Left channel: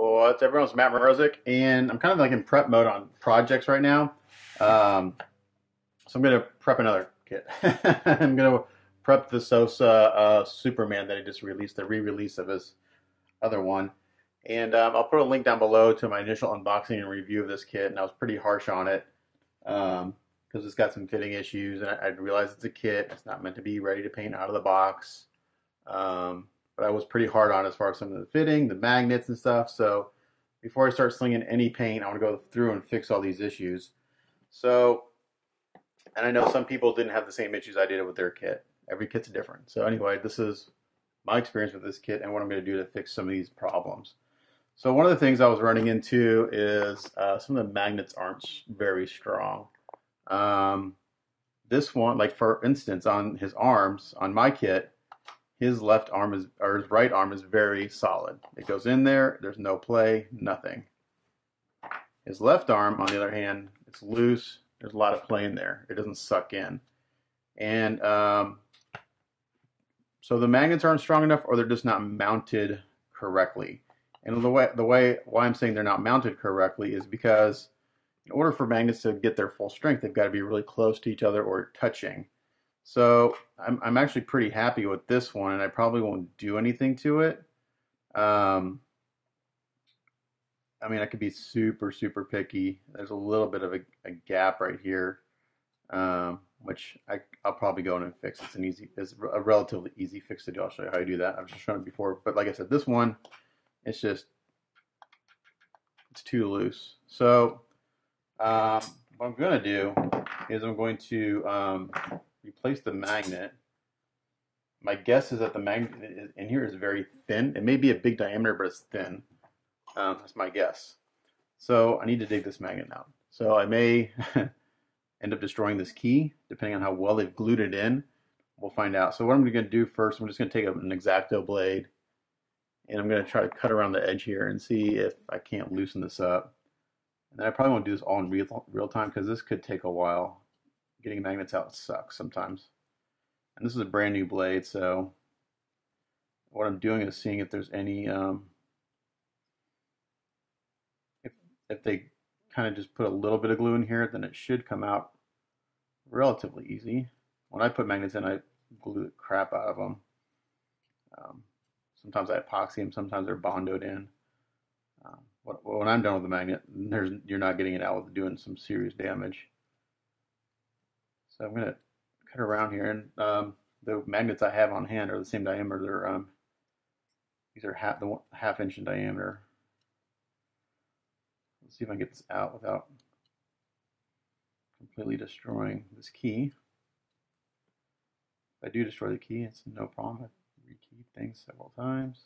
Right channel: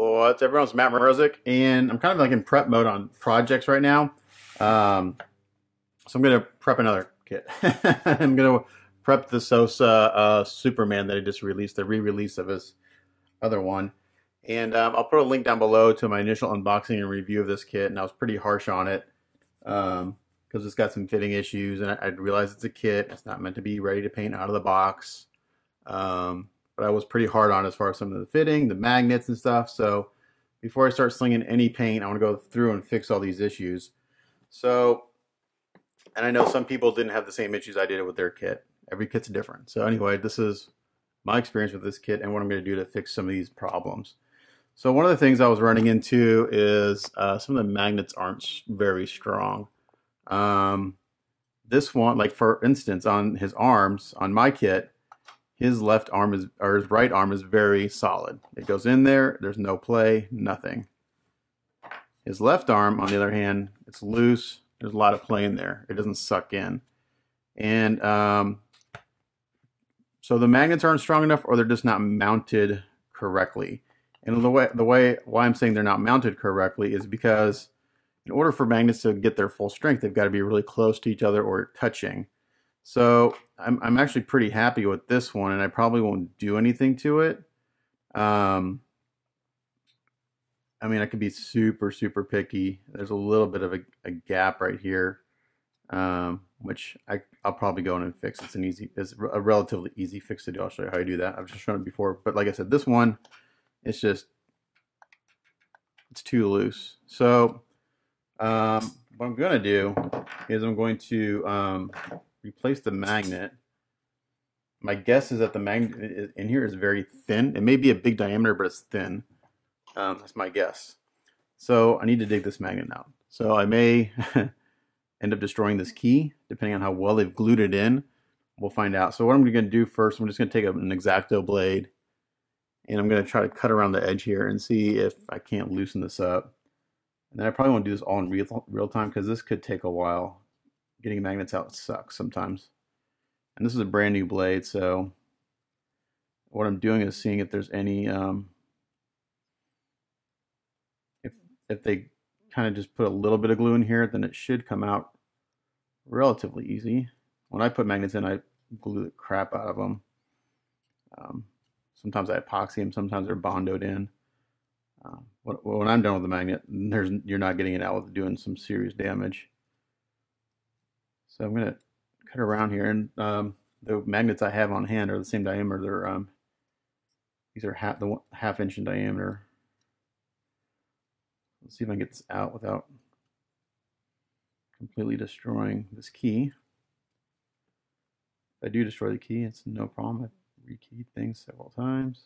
What's everyone's Matt Morozic, and I'm kind of like in prep mode on projects right now. So I'm gonna prep another kit. I'm gonna prep the Sosa Superman that he just released, the re-release of his other one. And I'll put a link down below to my initial unboxing and review of this kit, and I was pretty harsh on it because it's got some fitting issues, and I realized it's a kit. It's not meant to be ready to paint out of the box. But I was pretty hard on as far as some of the fitting, the magnets and stuff. So before I start slinging any paint, I want to go through and fix all these issues. So, and I know some people didn't have the same issues I did with their kit. Every kit's different. So anyway, this is my experience with this kit and what I'm going to do to fix some of these problems. So one of the things I was running into is some of the magnets aren't very strong. This one, like for instance, on his arms, on my kit, his left arm is, or his right arm is very solid. It goes in there, there's no play, nothing. His left arm, on the other hand, it's loose, there's a lot of play in there. It doesn't suck in. And so the magnets aren't strong enough, or they're just not mounted correctly. And why I'm saying they're not mounted correctly is because in order for magnets to get their full strength, they've got to be really close to each other or touching. So I'm actually pretty happy with this one, and I probably won't do anything to it. I mean, I could be super picky. There's a little bit of a gap right here, which I'll probably go in and fix. It's a relatively easy fix to do. I'll show you how I do that. I've just shown it before, but like I said, this one, it's too loose. So what I'm going to do is I'm going to replace the magnet. My guess is that the magnet in here is very thin. It may be a big diameter, but it's thin. That's my guess. So I need to dig this magnet out. So I may end up destroying this key, depending on how well they've glued it in. We'll find out. So what I'm going to do first, I'm just going to take an X-Acto blade, and I'm going to try to cut around the edge here and see if I can't loosen this up. And then I probably won't do this all in real time, because this could take a while. Getting magnets out sucks sometimes. And this is a brand new blade, so what I'm doing is seeing if there's any, if they kind of just put a little bit of glue in here, then it should come out relatively easy. When I put magnets in, I glue the crap out of them. Sometimes I epoxy them, sometimes they're bondoed in. When I'm done with the magnet, you're not getting it out without doing some serious damage. So I'm going to cut around here, and the magnets I have on hand are the same diameter. They're these are half inch in diameter. Let's see if I can get this out without completely destroying this key. If I do destroy the key, it's no problem. I've rekeyed things several times.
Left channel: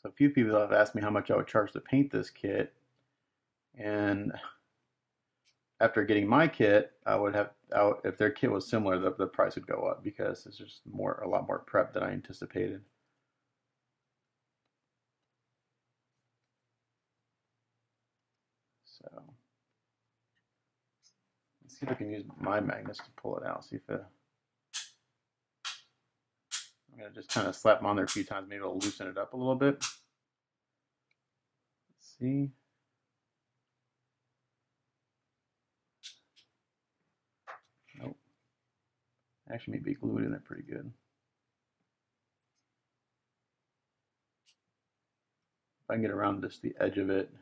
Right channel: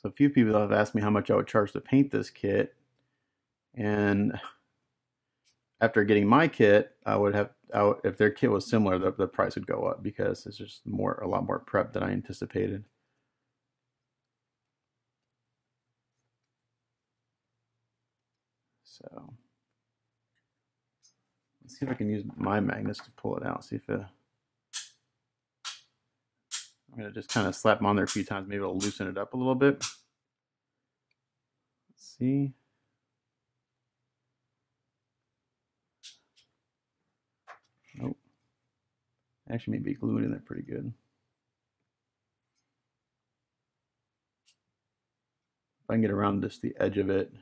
So a few people have asked me how much I would charge to paint this kit. And after getting my kit, I would have, if their kit was similar, the price would go up, because it's just a lot more prep than I anticipated. So let's see if I can use my magnets to pull it out. See if I'm going to just kind of slap them on there a few times. Maybe it'll loosen it up a little bit. Let's see. Nope. Actually, maybe glue it in there pretty good. If I can get around just the edge of it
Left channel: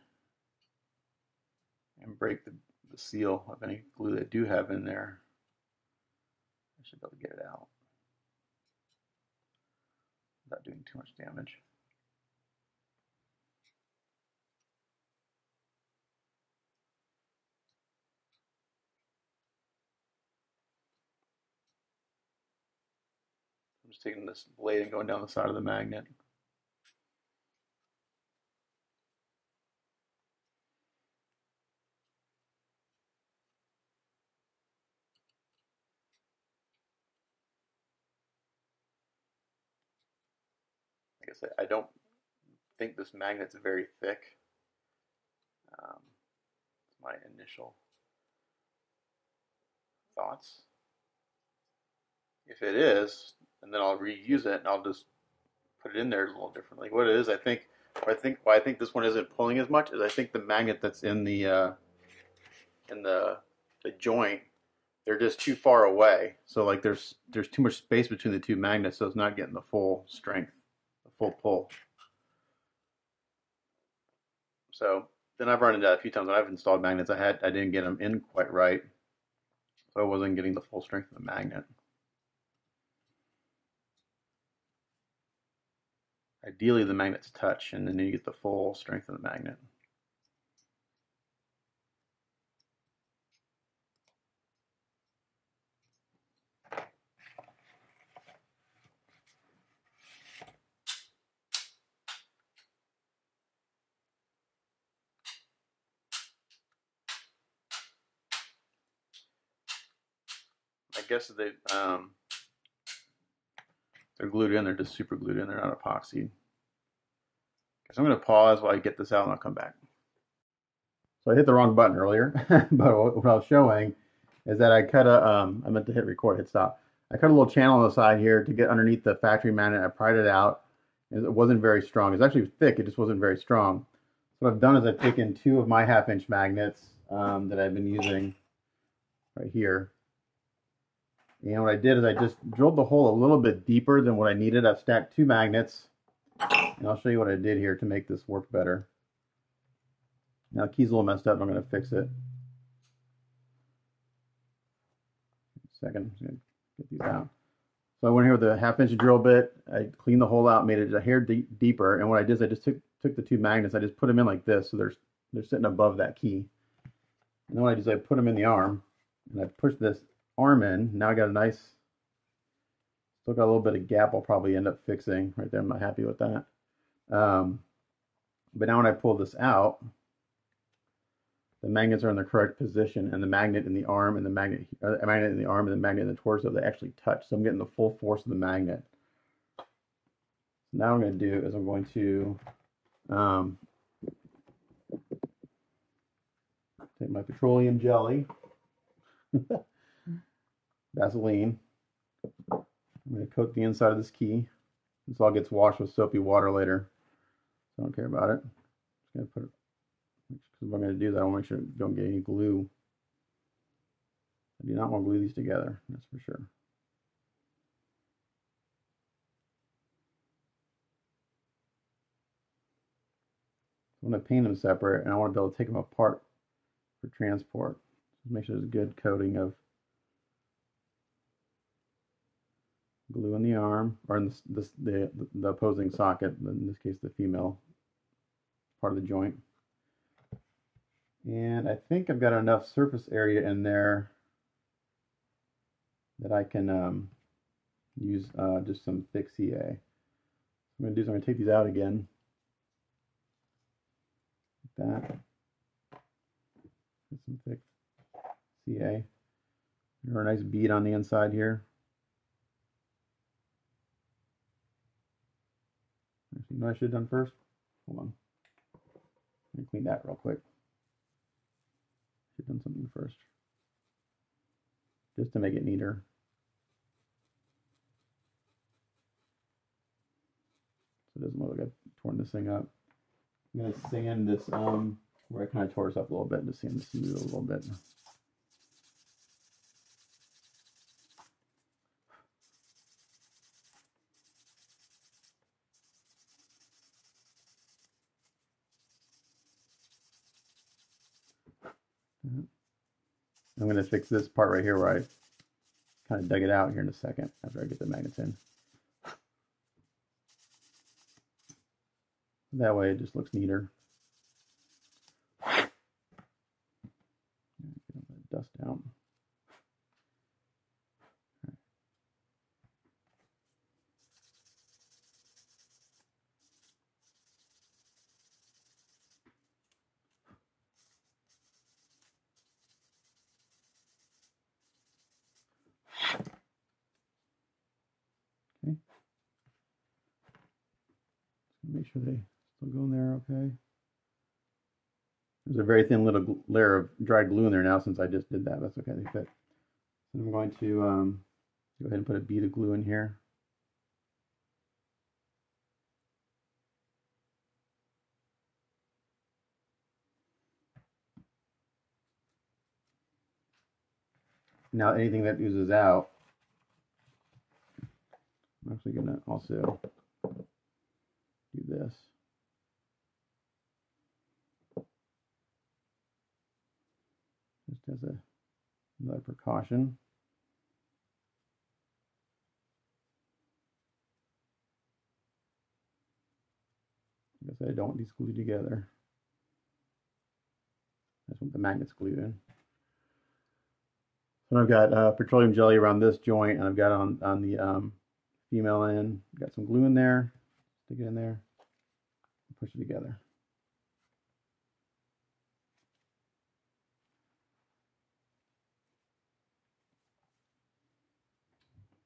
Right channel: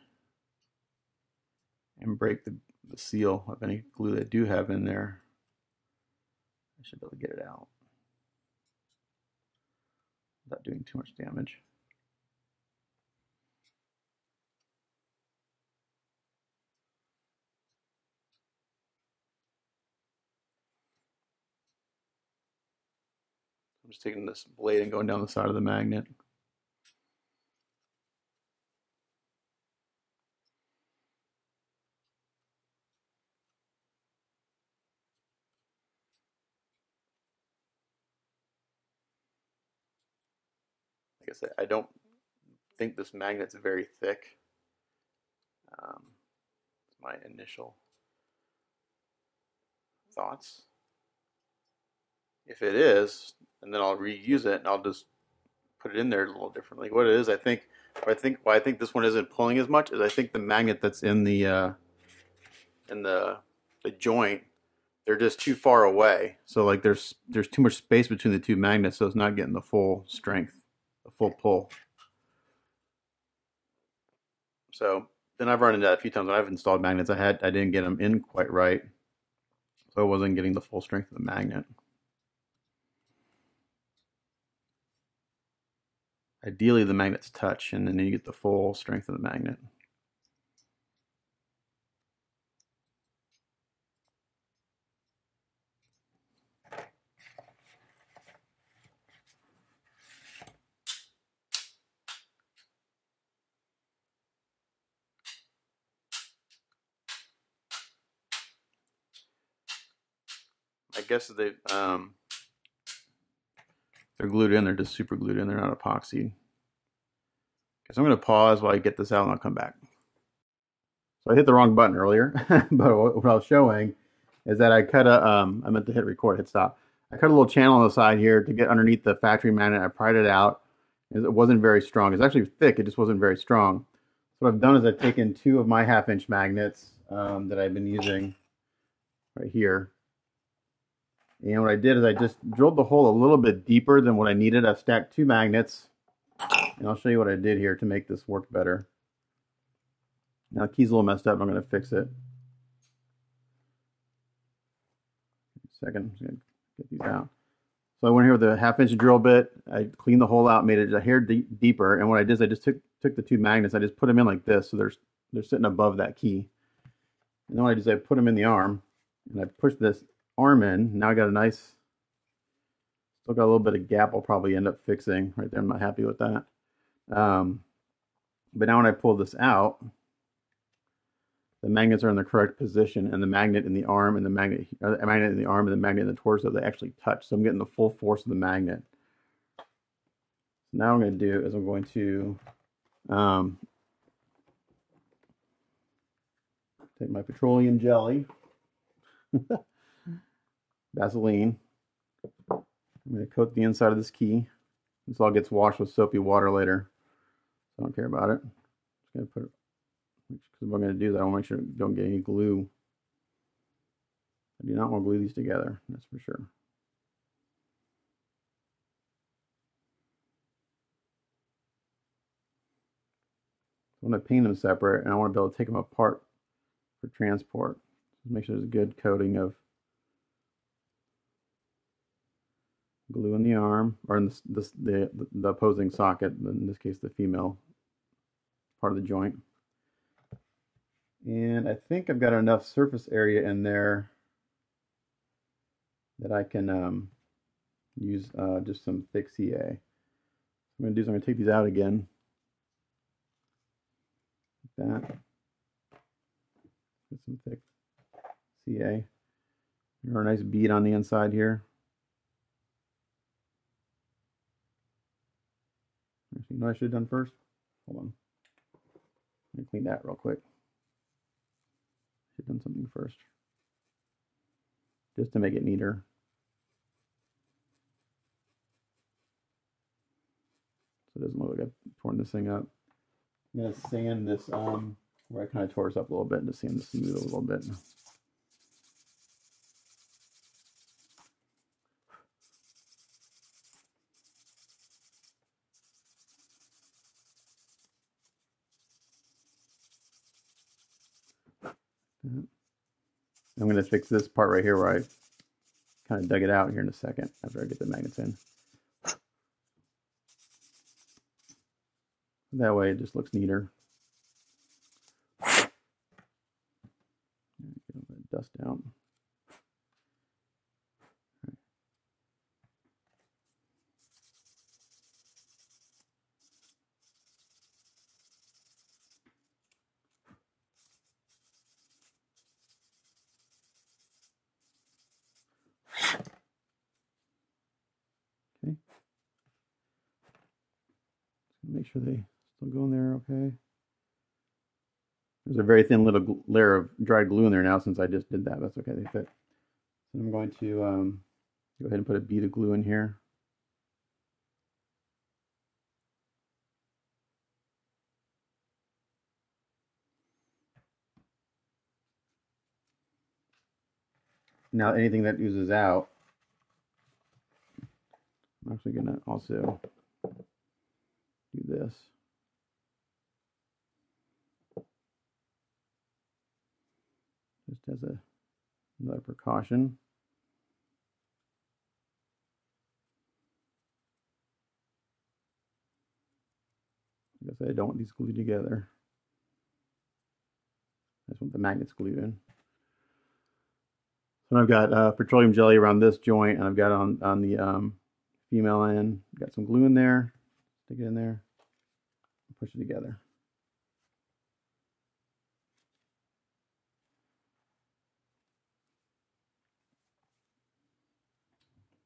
and break the seal of any glue they do have in there, I should be able to get it out without doing too much damage. I'm just taking this blade and going down the side of the magnet. Like I said, I don't think this magnet's very thick. My initial thoughts. If it is, and then I'll reuse it, and I'll just put it in there a little differently. What it is, why I think this one isn't pulling as much is I think the magnet that's in the joint, they're just too far away. So like there's too much space between the two magnets, so it's not getting the full strength, the full pull. So then I've run into that a few times when I've installed magnets. I didn't get them in quite right, so I wasn't getting the full strength of the magnet. Ideally, the magnets touch, and then you get the full strength of the magnet. I guess they're glued in. They're just super glued in. They're not epoxy. So I'm going to pause while I get this out, and I'll come back. So I hit the wrong button earlier, but what I was showing is that I cut a, I meant to hit record, hit stop. I cut a little channel on the side here to get underneath the factory magnet. I pried it out. It wasn't very strong. It's actually thick. It just wasn't very strong. So what I've done is I've taken 2 of my 1/2-inch magnets that I've been using right here. And what I did is I just drilled the hole a little bit deeper than what I needed. I've stacked 2 magnets. And I'll show you what I did here to make this work better. Now the key's a little messed up. I'm going to fix it. Second, I'm going to get these out. So I went here with a 1/2-inch drill bit. I cleaned the hole out, made it a hair deeper. And what I did is I just took the 2 magnets. I just put them in like this, so they're sitting above that key. And then what I did is I put them in the arm, and I pushed this arm in. Now I got a nice. Still got a little bit of gap I'll probably end up fixing right there. I'm not happy with that. But now when I pull this out, the magnets are in the correct position, and the magnet in the arm and the magnet in the arm and the magnet in the torso, they actually touch. So I'm getting the full force of the magnet. So now what I'm going to do is I'm going to take my petroleum jelly, Vaseline. I'm going to coat the inside of this key. This all gets washed with soapy water later. So I don't care about it. Just going to put it, because if I'm going to do that, I want to make sure I don't get any glue. I do not want to glue these together, that's for sure. I want to paint them separate, and I want to be able to take them apart for transport. Make sure there's a good coating of glue in the arm, or in the opposing socket, in this case the female part of the joint. And I think I've got enough surface area in there that I can use just some thick CA. What I'm going to do is I'm going to take these out again, like that. Get some thick CA. Or a nice bead on the inside here. You know what I should have done first? Hold on. Let me clean that real quick. Should have done something first. Just to make it neater. So it doesn't look like I've torn this thing up. I'm going to sand this where I kind of tore this up a little bit, and just sand this smooth a little bit. I'm going to fix this part right here where I kind of dug it out here in a second after I get the magnets in. That way it just looks neater. Get all that dust out. Okay. Make sure they still go in there okay. There's a very thin little layer of dried glue in there now since I just did that. That's okay, they fit. So I'm going to go ahead and put a bead of glue in here. now anything that oozes out, I'm actually going to also do this. Just as another precaution. I guess I don't want these glued together. I just want the magnets glued in. So I've got petroleum jelly around this joint, and I've got on the female end, got some glue in there. Stick it in there, push it together.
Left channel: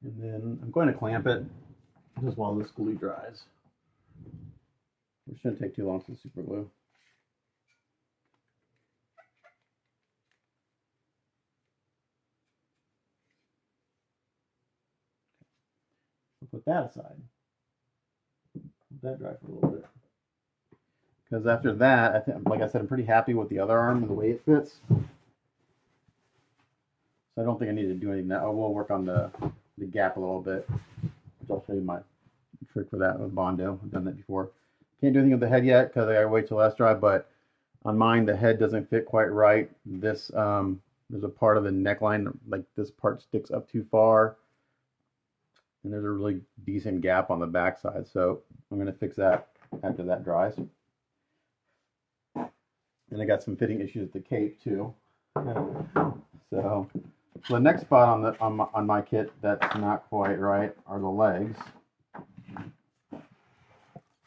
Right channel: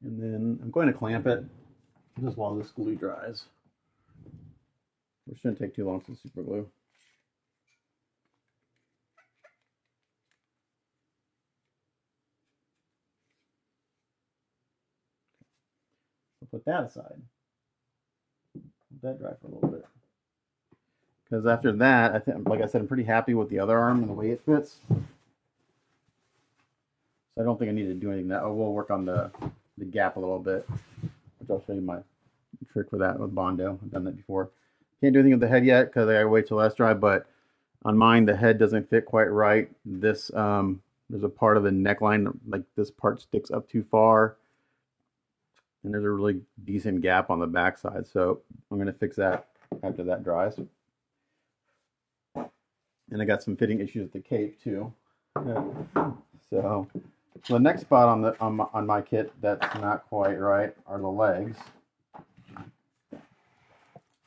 And then I'm going to clamp it just while this glue dries. It shouldn't take too long to super glue. I'll put that aside. Let that dry for a little bit. Because after that, I think, like I said, I'm pretty happy with the other arm and the way it fits. So I don't think I need to do anything. I will work on the gap a little bit, which I'll show you my trick for that with Bondo. I've done that before. Can't do anything with the head yet because I gotta wait till that's dry, but on mine the head doesn't fit quite right. This there's a part of the neckline, like this part sticks up too far, and there's a really decent gap on the back side, so I'm going to fix that after that dries. And I got some fitting issues with the cape too. So the next spot on my kit that's not quite right are the legs.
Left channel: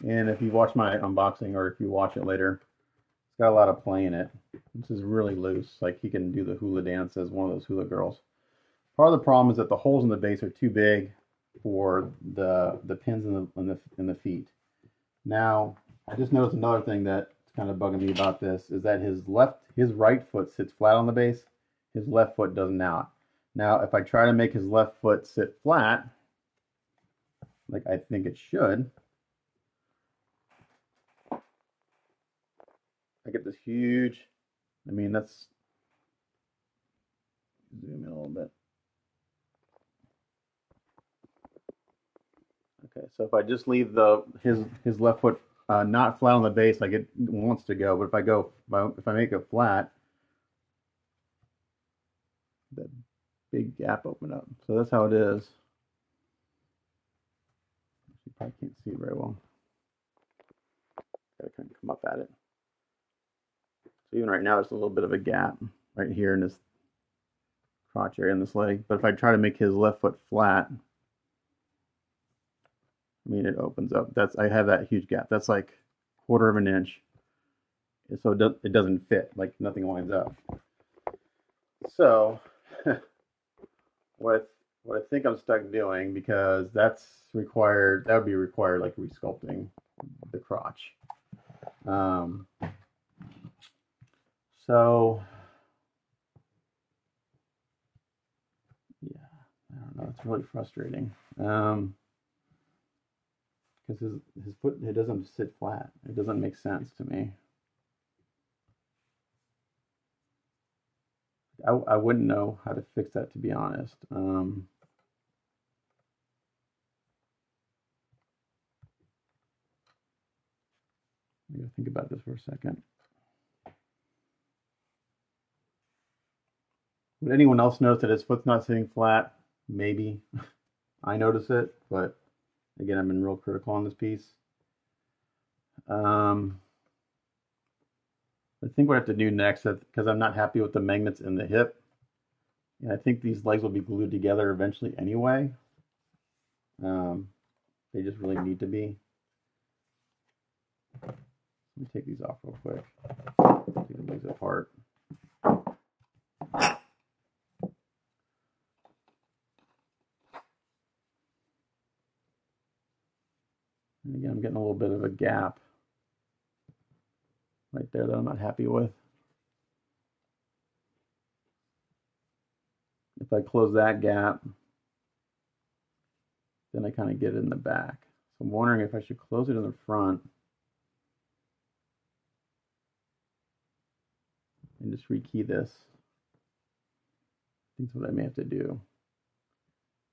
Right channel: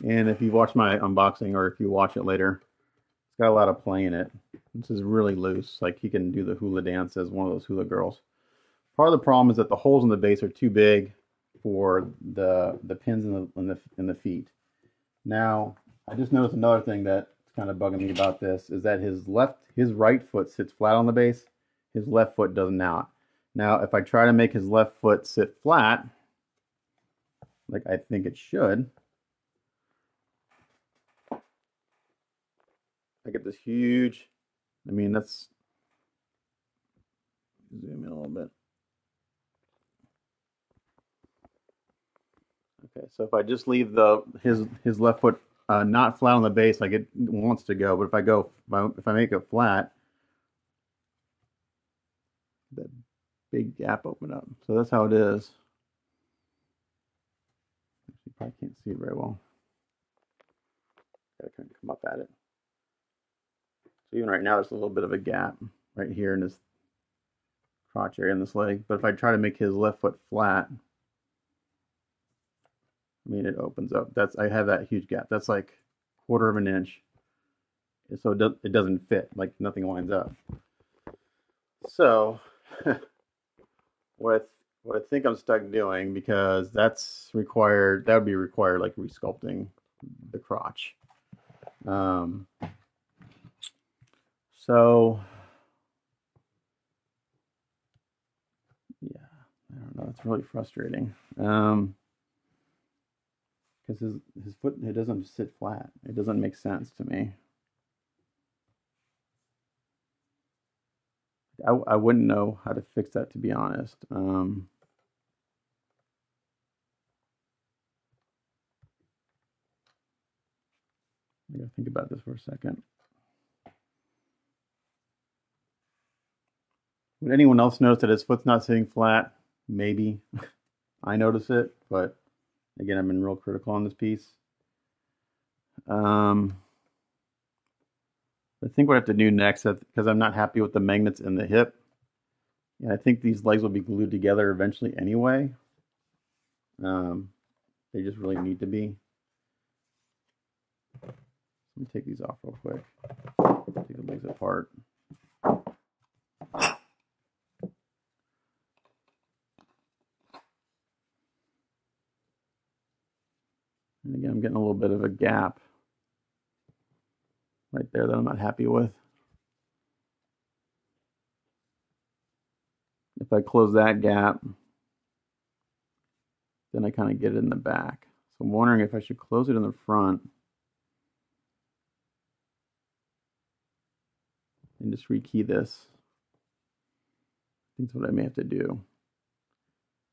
And if you watch my unboxing, or if you watch it later, it's got a lot of play in it. This is really loose, like you can do the hula dance as one of those hula girls. Part of the problem is that the holes in the base are too big for the pins in the feet. Now, I just noticed another thing that's kind of bugging me about this is that his right foot sits flat on the base, his left foot does not. Now, if I try to make his left foot sit flat, like I think it should, I get this huge, I mean, that's, zoom in a little bit. Okay, so if I just leave his left foot not flat on the base like it wants to go, but if I make it flat, that big gap open up. So that's how it is. You probably can't see it very well. Gotta kind of come up at it. So even right now, there's a little bit of a gap right here in this crotch area in this leg. But if I try to make his left foot flat, I mean, it opens up. I have that huge gap. That's like 1/4 of an inch. So it doesn't fit. Like nothing lines up. So what I think I'm stuck doing, because that's required. That would be required, like resculpting the crotch. So yeah, I don't know. It's really frustrating. Because his foot, it doesn't sit flat. It doesn't make sense to me. I wouldn't know how to fix that, to be honest. Think about this for a second. Would anyone else notice that his foot's not sitting flat? Maybe. I notice it, but again, I've been real critical on this piece. I think what I have to do next, because I'm not happy with the magnets in the hip, and I think these legs will be glued together eventually anyway. They just really need to be. Let me take these off real quick. Take the legs apart. And again, I'm getting a little bit of a gap right there that I'm not happy with. If I close that gap, then I kind of get it in the back. So I'm wondering if I should close it in the front and just rekey this. think that's what I may have to do.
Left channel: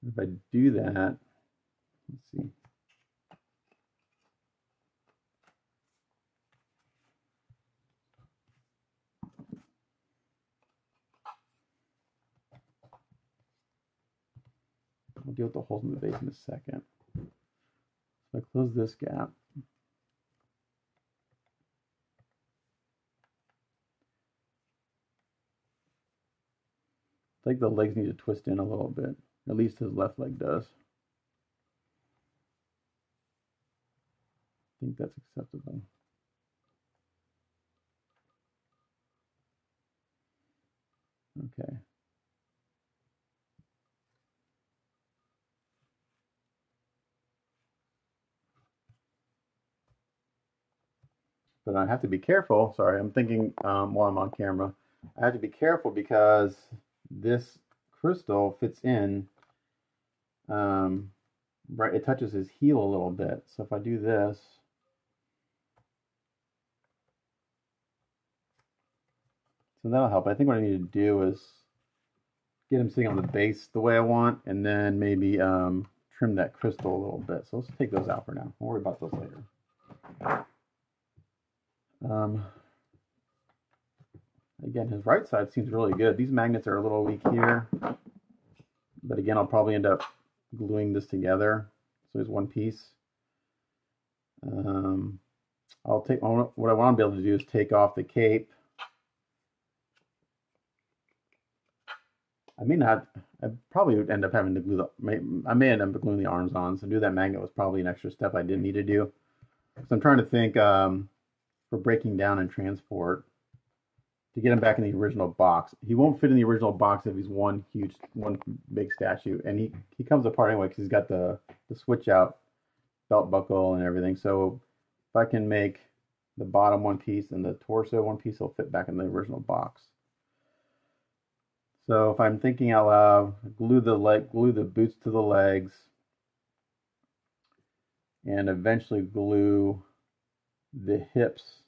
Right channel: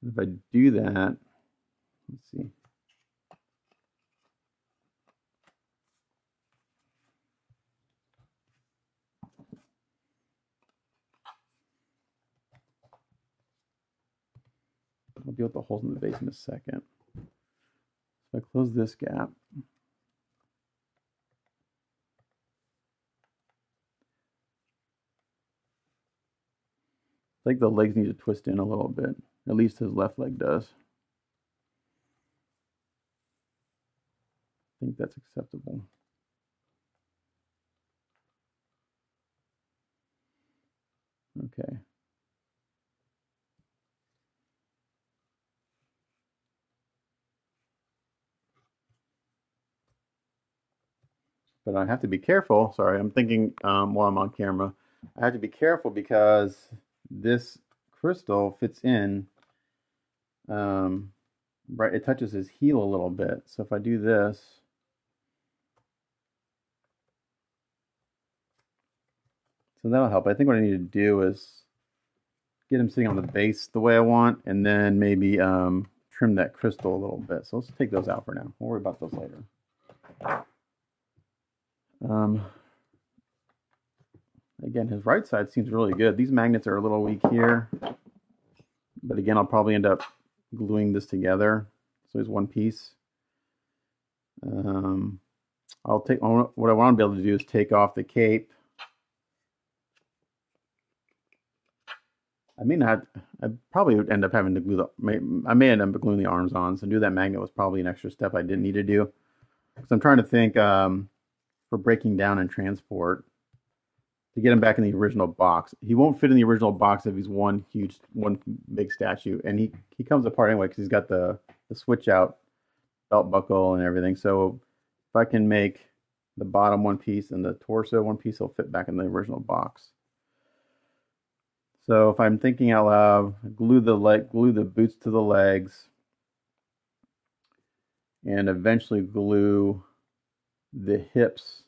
If I do that, let's see. I'll deal with the holes in the base in a second. So I close this gap. I think the legs need to twist in a little bit. At least his left leg does. I think that's acceptable. Okay. But I have to be careful. Sorry, I'm thinking while I'm on camera. I have to be careful because this crystal fits in. Right, it touches his heel a little bit. So if I do this, so that'll help. I think what I need to do is get him sitting on the base the way I want, and then maybe trim that crystal a little bit. So let's take those out for now. We'll worry about those later. Again, his right side seems really good. These magnets are a little weak here, but again, I'll probably end up gluing this together. So there's one piece. I'll take what I want to be able to do is take off the cape. I probably would end up having to glue I may end up gluing the arms on. So do that magnet was probably an extra step I didn't need to do. So I'm trying to think for breaking down and transport to get him back in the original box. He won't fit in the original box if he's one big statue, and he comes apart anyway because he's got the switch out belt buckle and everything. So if I can make the bottom one piece and the torso one piece, he'll fit back in the original box. So if I'm thinking out loud, glue the boots to the legs, and eventually glue the hips,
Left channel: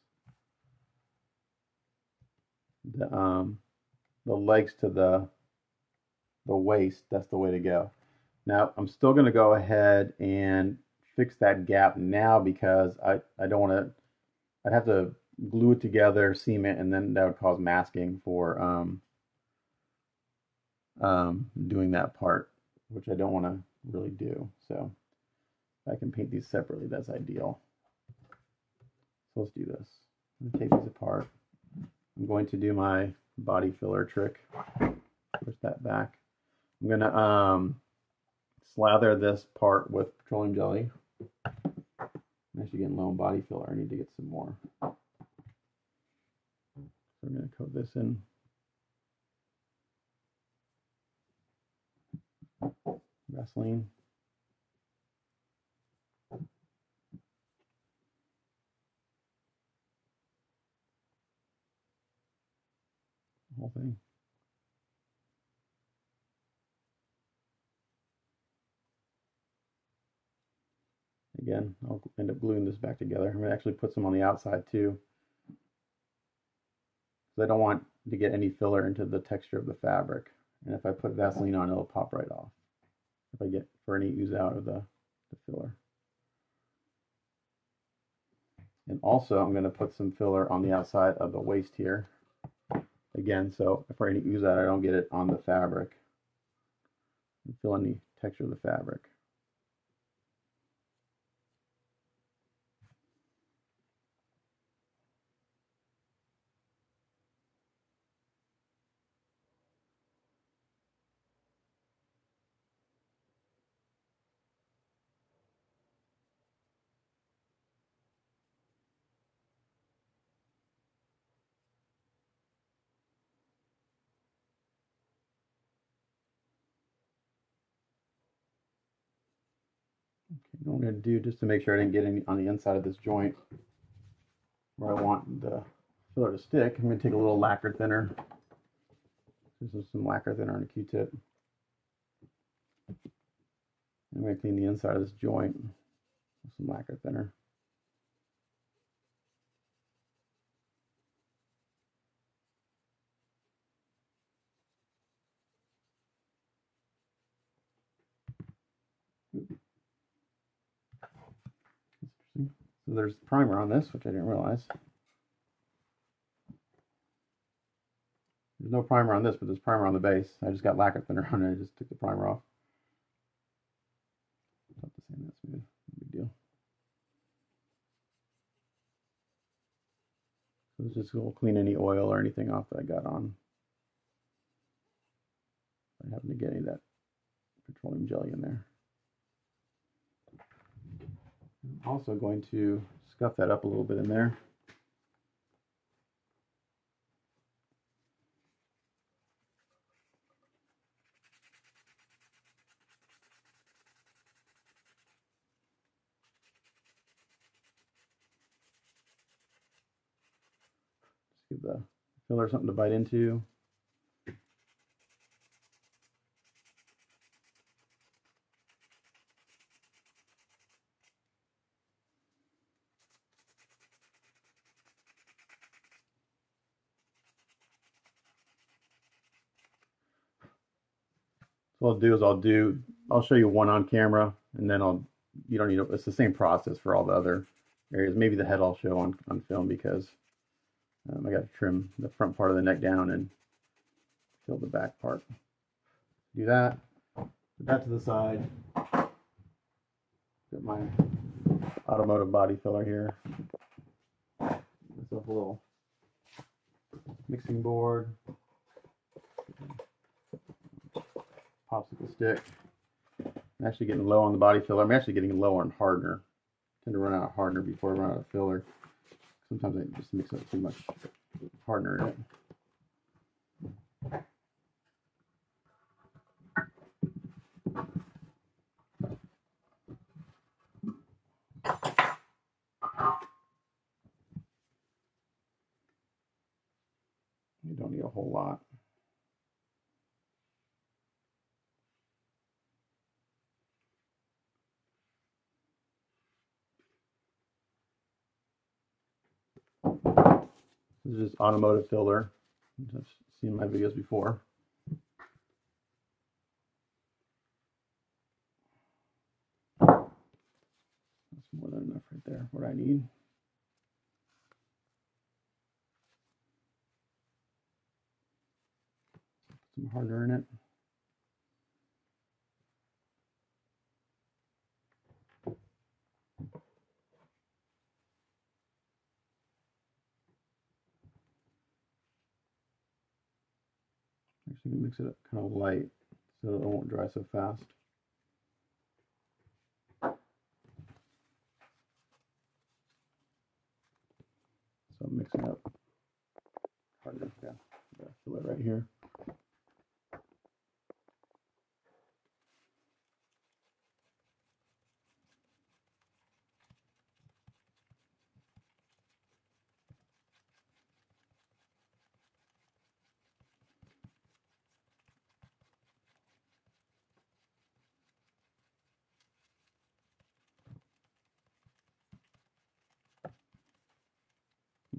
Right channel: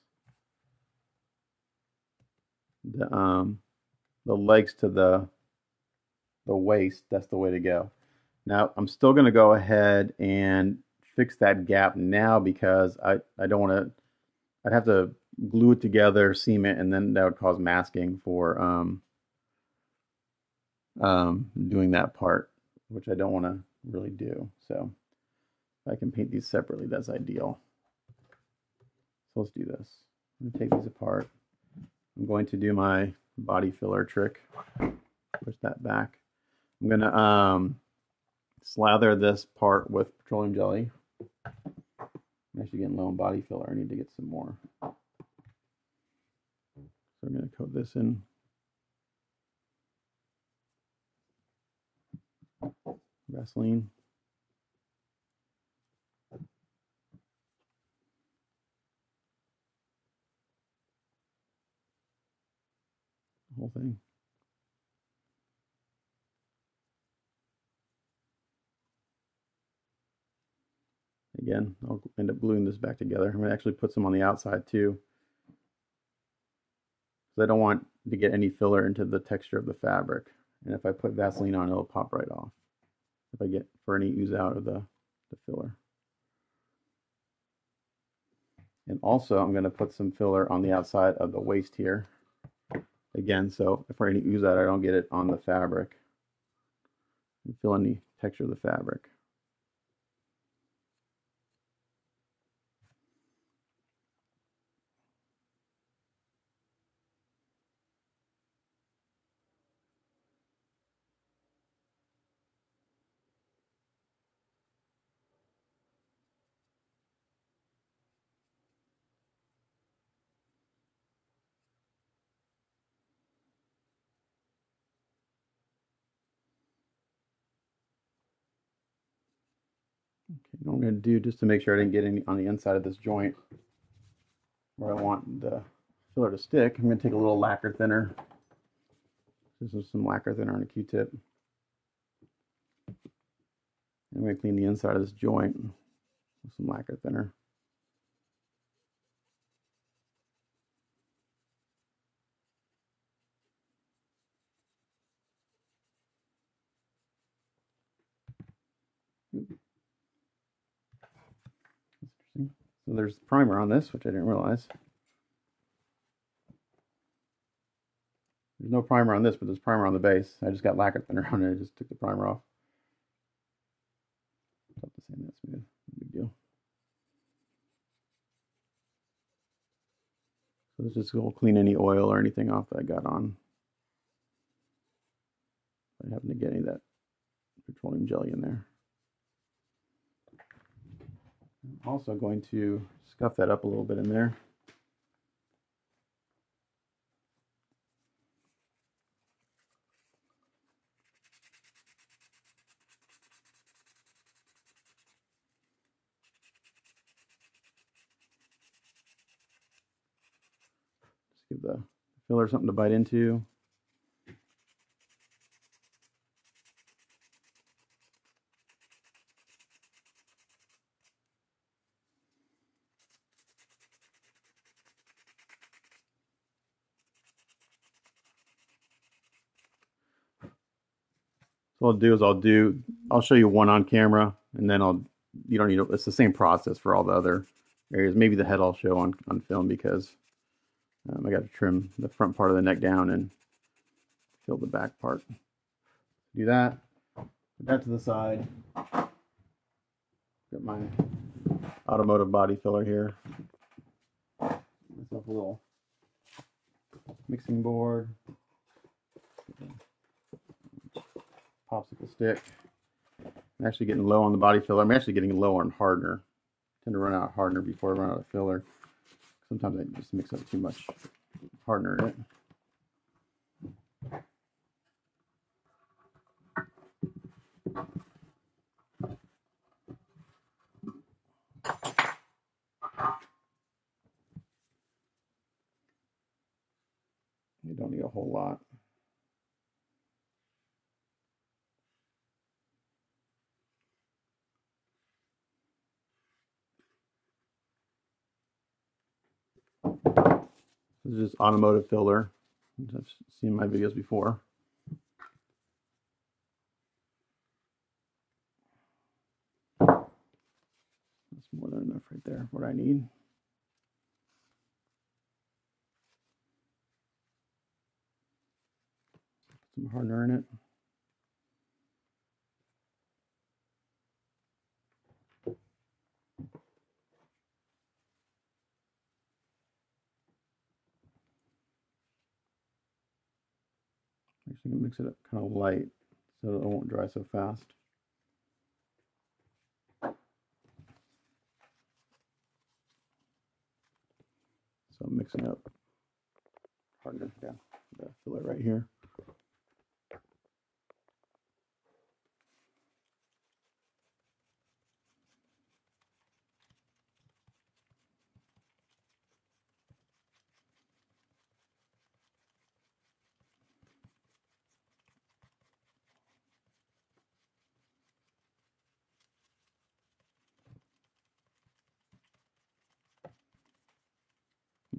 the legs to the waist. That's the way to go. Now I'm still going to go ahead and fix that gap now because I don't want to. I'd have to glue it together, seam it, and then that would cause masking for doing that part, which I don't want to really do. So if I can paint these separately, that's ideal. So let's do this. I'm going to take these apart. I'm going to do my body filler trick. Push that back. I'm going to slather this part with petroleum jelly. I'm actually getting low on body filler. I need to get some more. So I'm going to coat this in. Vaseline. The whole thing. Again, I'll end up gluing this back together. I'm going to actually put some on the outside too. So I don't want to get any filler into the texture of the fabric. And if I put Vaseline on, it'll pop right off if I get for any ooze out of the filler. And also I'm going to put some filler on the outside of the waist here. Again, so if for any ooze out, I don't get it on the fabric. And fill in the texture of the fabric. Okay, what I'm going to do, just to make sure I didn't get any on the inside of this joint where I want the filler to stick, I'm going to take a little lacquer thinner. This is some lacquer thinner on a Q-tip. I'm going to clean the inside of this joint with some lacquer thinner. So there's primer on this, which I didn't realize. There's no primer on this, but there's primer on the base. I just got lacquer thinner on it. I just took the primer off. Not the same, that's smooth. No big deal. So this just will clean any oil or anything off that I got on. I happen to get any of that petroleum jelly in there. I'm also going to scuff that up a little bit in there. Just give the filler something to bite into. So what I'll do is I'll show you one on camera, and then you don't need it's the same process for all the other areas. Maybe the head I'll show on film because I got to trim the front part of the neck down and fill the back part. Do that. Put that to the side. Got my automotive body filler here. It's a little mixing board. Popsicle stick. I'm actually getting low on the body filler. I'm actually getting low on hardener. I tend to run out of hardener before I run out of filler. Sometimes I just mix up too much hardener in it. You don't need a whole lot. This is just automotive filler. I've seen my videos before. That's more than enough right there, what I need. Some hardener in it. Actually, mix it up kind of light so it won't dry so fast. So I'm mixing up hardener. Yeah, fill it right here.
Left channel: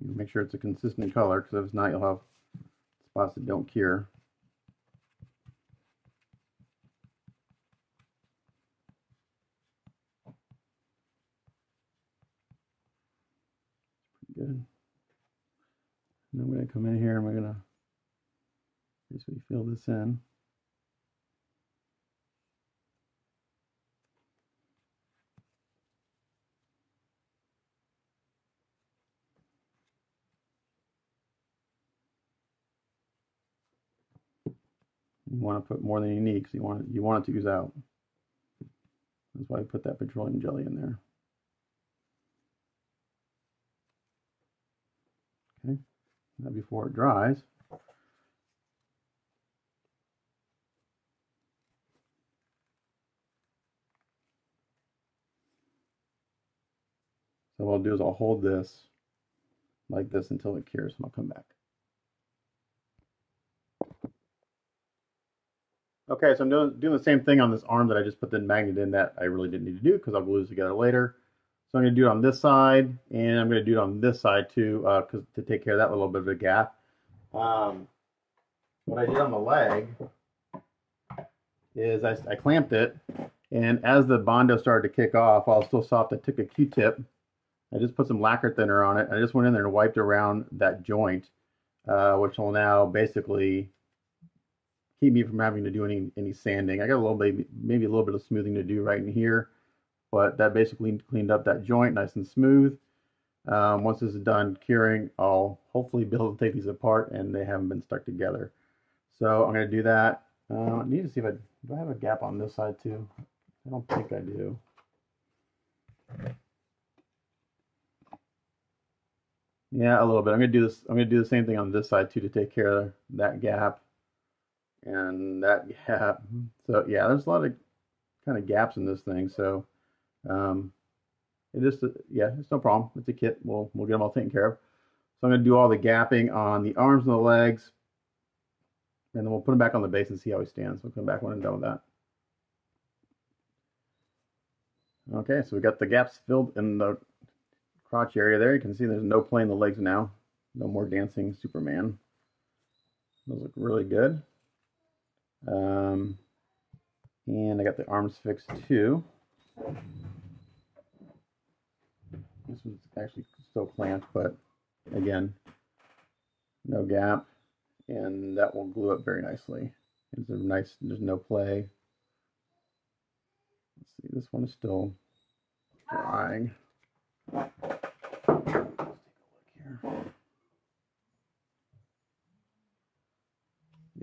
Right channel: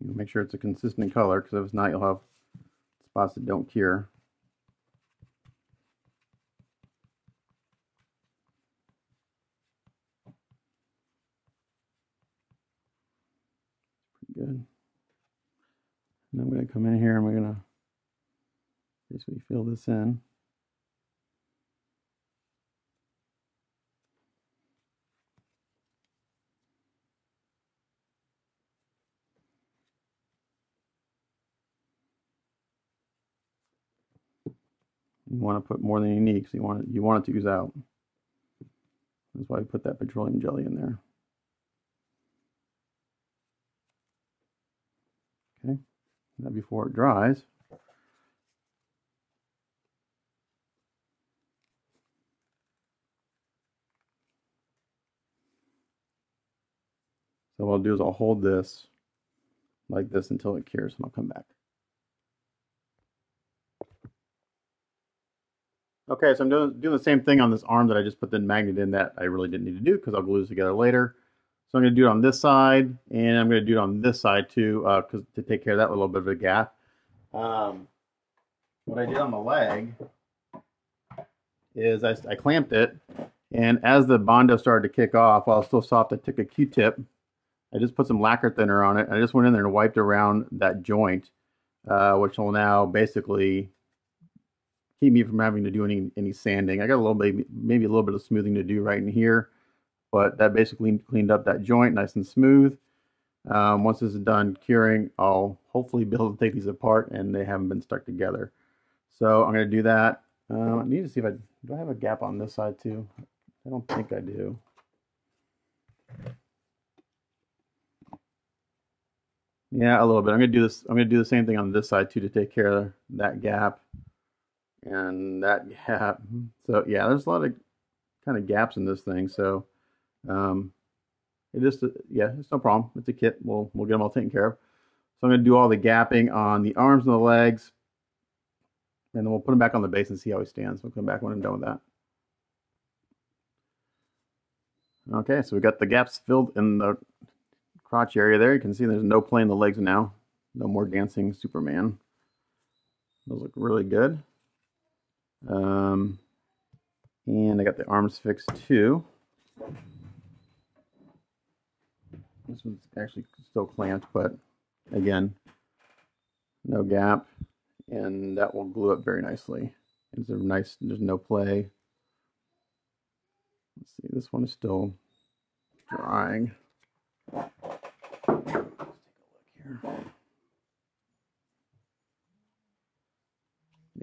Make sure it's a consistent color, because if not, you'll have spots that don't cure. Good. And I'm going to come in here and we're going to basically fill this in. You want to put more than you need because you want it to ooze out. That's why I put that petroleum jelly in there. Okay, now before it dries, so what I'll do is I'll hold this like this until it cures, and I'll come back. Okay, so I'm doing the same thing on this arm that I just put the magnet in that I really didn't need to do because I'll glue this together later. So I'm going to do it on this side, and I'm going to do it on this side too, because to take care of that little bit of a gap. What I did on the leg is I clamped it, and as the Bondo started to kick off, while it was still soft, I took a Q-tip I just put some lacquer thinner on it. I just went in there and wiped around that joint, which will now basically keep me from having to do any sanding. I got a little maybe a little bit of smoothing to do right in here, but that basically cleaned up that joint nice and smooth. Once this is done curing, I'll hopefully be able to take these apart and they haven't been stuck together. So I'm going to do that. I need to see if do I have a gap on this side too? I don't think I do. Yeah, a little bit. I'm going to do this. I'm going to do the same thing on this side too to take care of that gap and that gap. So yeah, there's a lot of kind of gaps in this thing. So it just, yeah, it's no problem. It's a kit. We'll get them all taken care of. So I'm going to do all the gapping on the arms and the legs, and then we'll put them back on the base and see how he stands. We'll come back when I'm done with that. Okay, so we got the gaps filled in the crotch area there. You can see there's no play in the legs now. No more dancing Superman. Those look really good. And I got the arms fixed too. This one's actually still clamped, but again, no gap, and that will glue up very nicely. It's a nice, there's no play. Let's see, this one is still drying. Let's take a look here.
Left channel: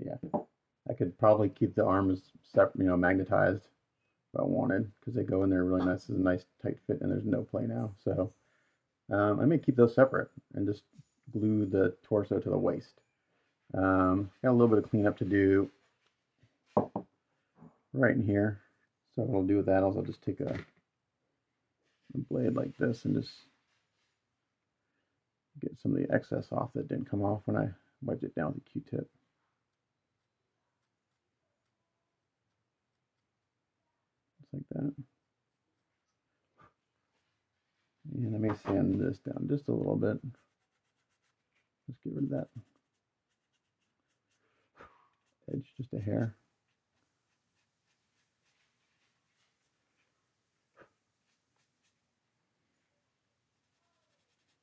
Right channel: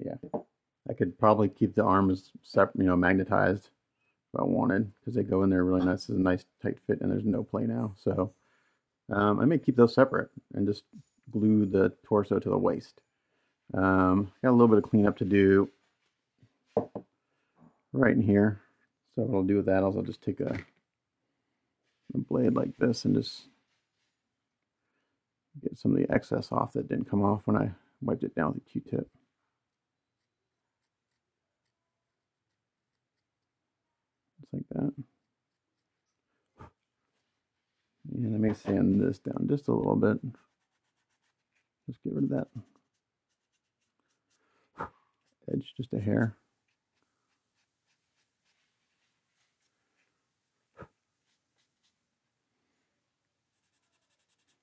Yeah, I could probably keep the arms separate, magnetized if I wanted, because they go in there really nice. It's a nice tight fit, and there's no play now. So I may keep those separate and just glue the torso to the waist. Got a little bit of cleanup to do right in here. So what I'll do with that is I'll just take a blade like this and just get some of the excess off that didn't come off when I wiped it down with a Q-tip. Just like that. And I may sand this down just a little bit. Just get rid of that edge, just a hair.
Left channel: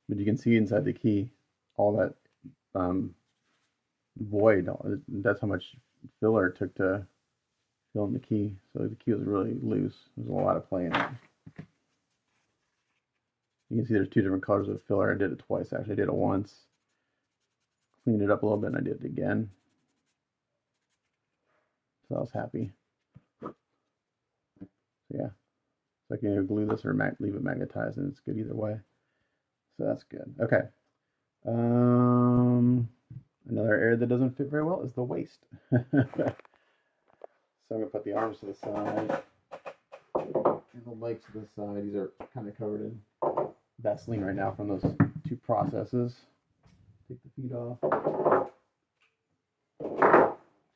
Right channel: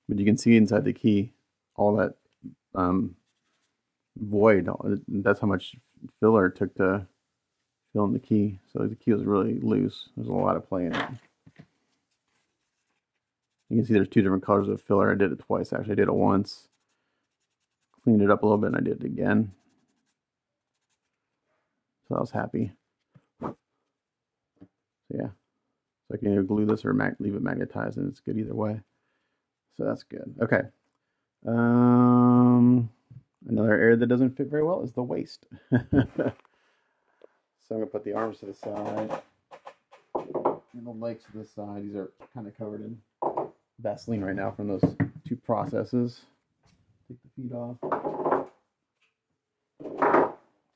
But you can see inside the key all that void. That's how much filler it took to fill in the key. So the key was really loose. There's a lot of play in it. You can see there's two different colors of filler. I did it twice actually. I did it once, cleaned it up a little bit, and I did it again. So I was happy. So yeah, so I can either glue this or leave it magnetized, and it's good either way. So that's good. Okay. Another area that doesn't fit very well is the waist. So I'm gonna put the arms to the side and the legs to the side. These are kind of covered in Vaseline right now from those two processes. Take the feet off.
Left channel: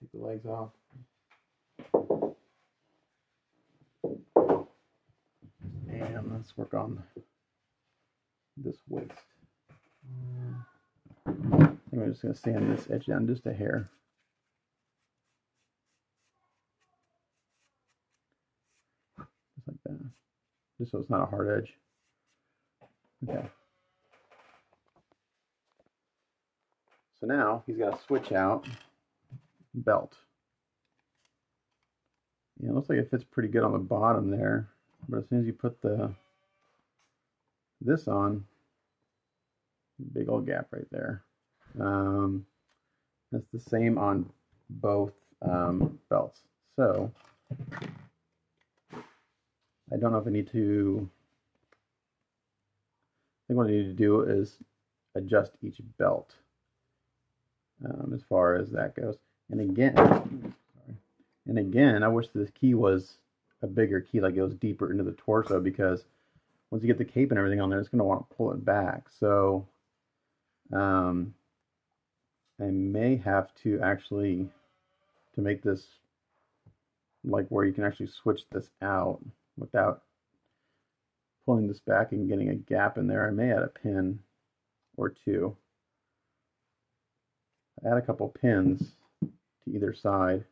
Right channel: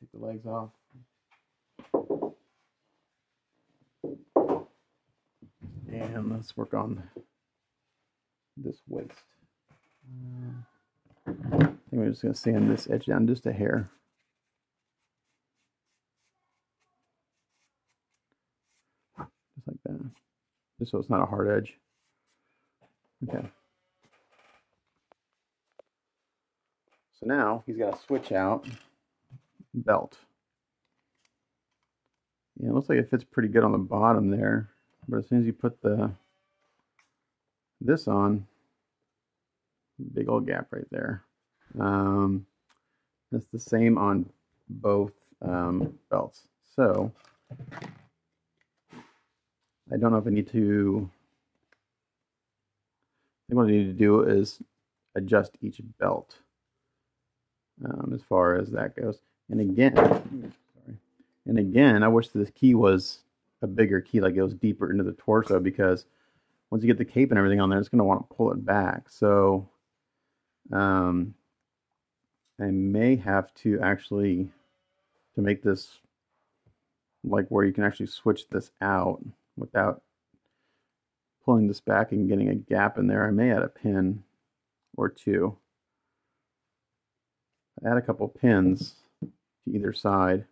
Take the legs off. And let's work on this waist. I think we're just going to sand this edge down just a hair. Just like that. Just so it's not a hard edge. Okay. So now he's got a switch out belt. Yeah, it looks like it fits pretty good on the bottom there, but as soon as you put this on, big old gap right there. It's the same on both belts. So I don't know if I need to. I think what I need to do is adjust each belt as far as that goes. And again, I wish this key was a bigger key, like it goes deeper into the torso, because once you get the cape and everything on there, it's going to want to pull it back. So I may have to actually, to make this like where you can actually switch this out without pulling this back and getting a gap in there, I may add a pin or two. Add a couple pins to either side,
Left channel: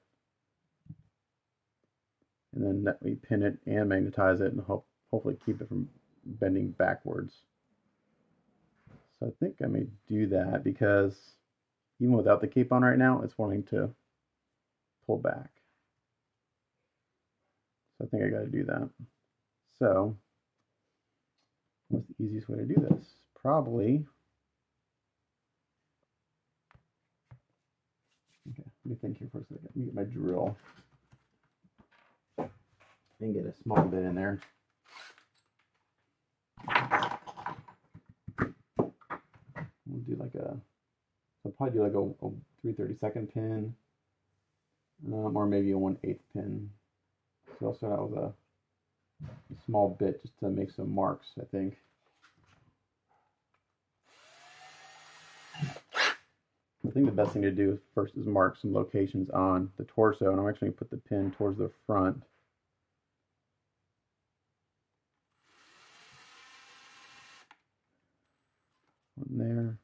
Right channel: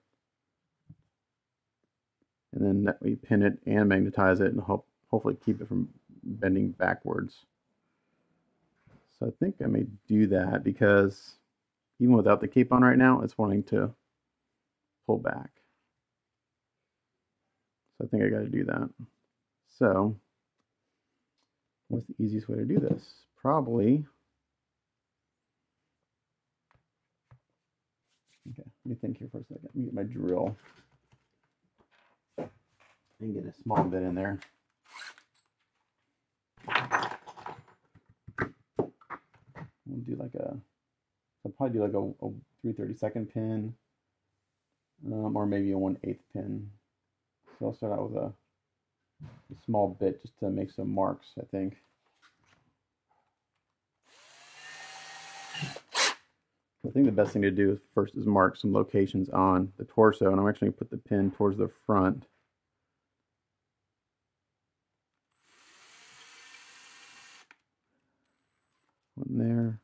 and then we pin it and magnetize it and hopefully keep it from bending backwards. So I think I may do that because even without the cape on right now, it's wanting to pull back. So I think I got to do that. So what's the easiest way to do this? Probably, okay, let me think here for a second. Let me get my drill and get a small bit in there. We'll do like I'll probably do like a 3/32 pin, or maybe a 1/8 pin. So I'll start out with a small bit just to make some marks, I think. I think the best thing to do first is mark some locations on the torso, and I'm actually going to put the pin towards the front. One there.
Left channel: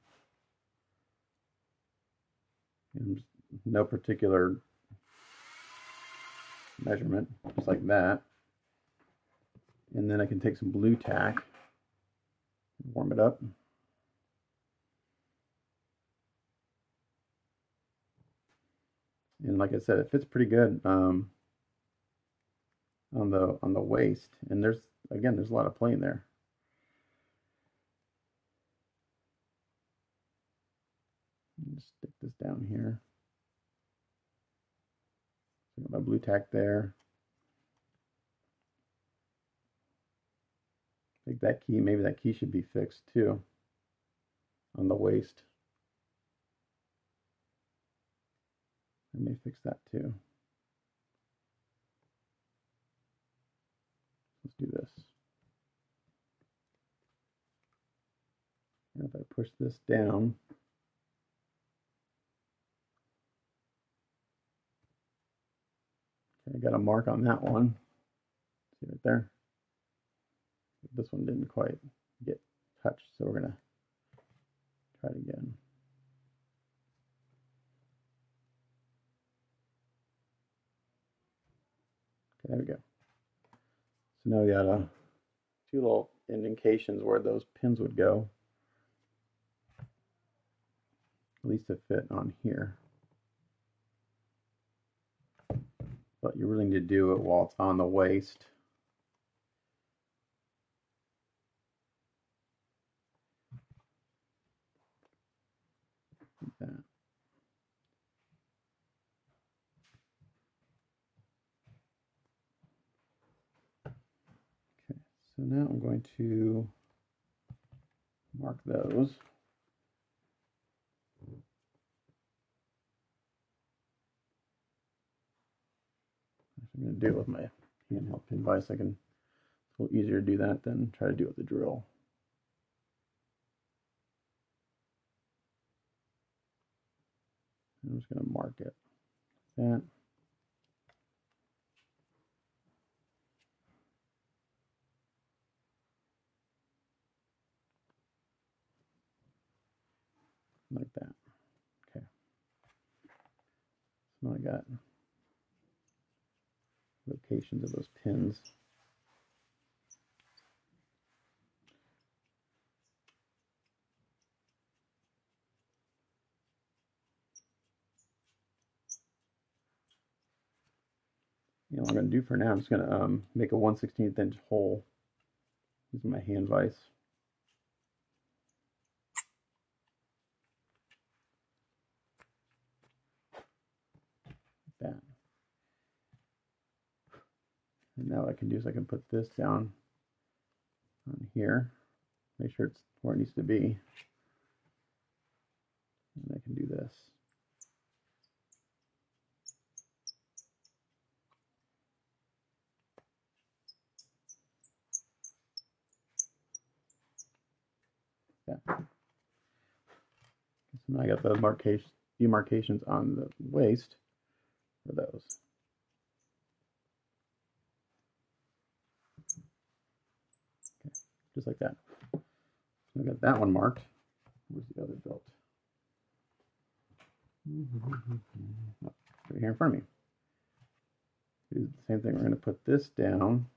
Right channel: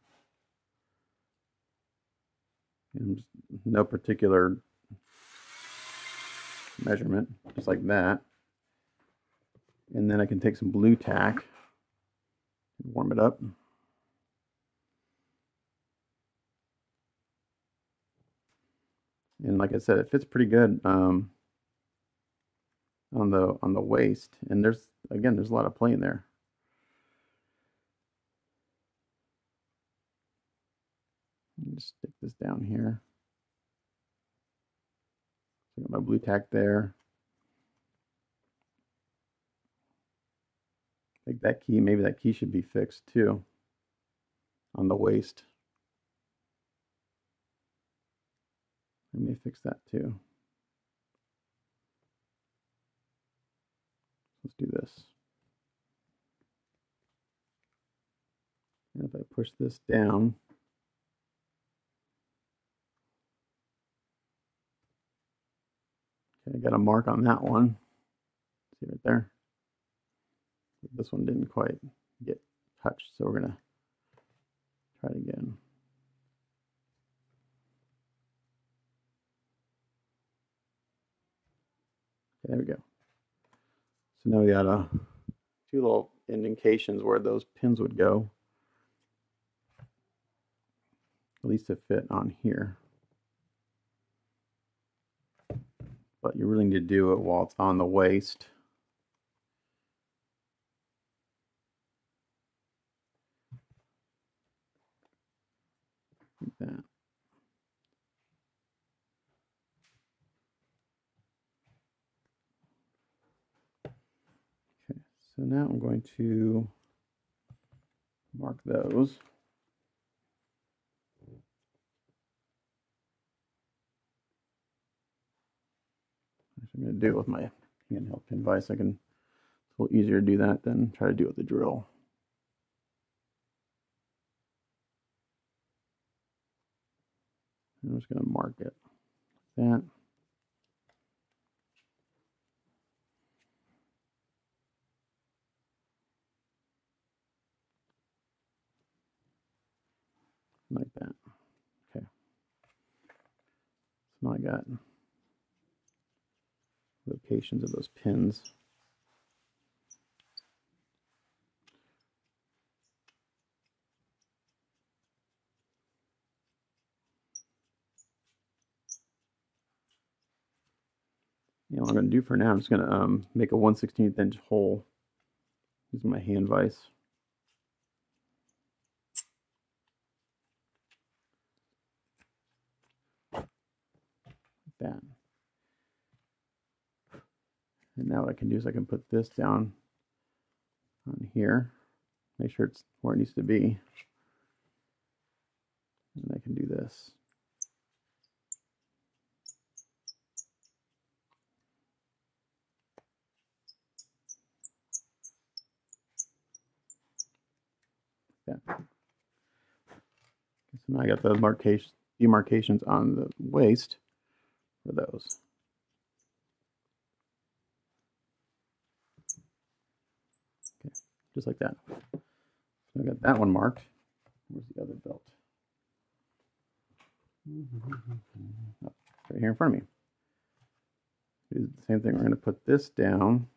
And no particular measurement, just like that. And then I can take some blue tack, warm it up. And like I said, it fits pretty good on the waist. And there's a lot of play in there. Just stick this down here. Got my blue tack there. I think that key, maybe that key should be fixed too on the waist. I may fix that too. Let's do this. And if I push this down, okay, I got a mark on that one. See right there? This one didn't quite get touched, so we're gonna try it again. Okay, there we go. So now we got two little indentations where those pins would go, at least to fit on here. But you really need to do it while it's on the waist. Like that. Okay, so now I'm going to mark those. I'm going to do it with my handheld pin vise. It's a little easier to do that than try to do it with the drill. I'm just going to mark it. That. Like that. Okay. So now I got locations of those pins. And what I'm going to do for now, I'm just going to make a 1/16 inch hole using my hand vise. Like that. And now what I can do is I can put this down on here, make sure it's where it needs to be. And I can do this. Yeah. So now I got the demarcations on the waist for those. Okay, just like that. So I got that one marked. Where's the other belt? Oh, right here in front of me. Do the same thing. We're going to put this down.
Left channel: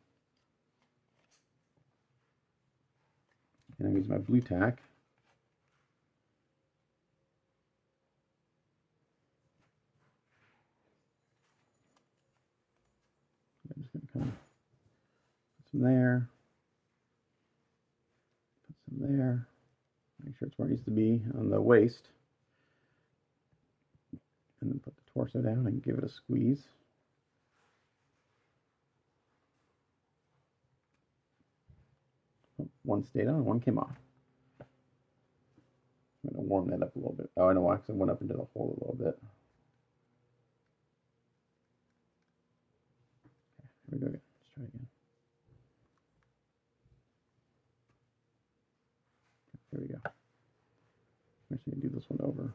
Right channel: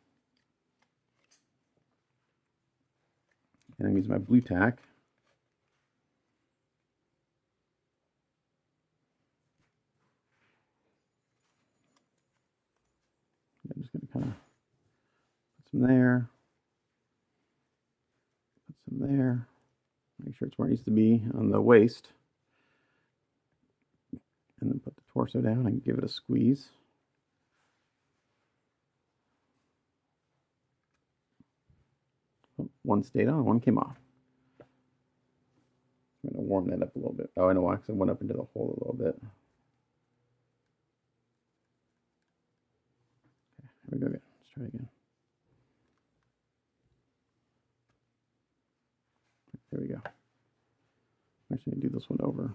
And I'm using my blue tack. in there. Make sure it's where it needs to be on the waist. And then put the torso down and give it a squeeze. One stayed on, one came off. I'm going to warm that up a little bit. Oh, I know why, because it went up into the hole a little bit. Okay, here we go again. Let's try it again. There we go. I'm actually going to do this one over.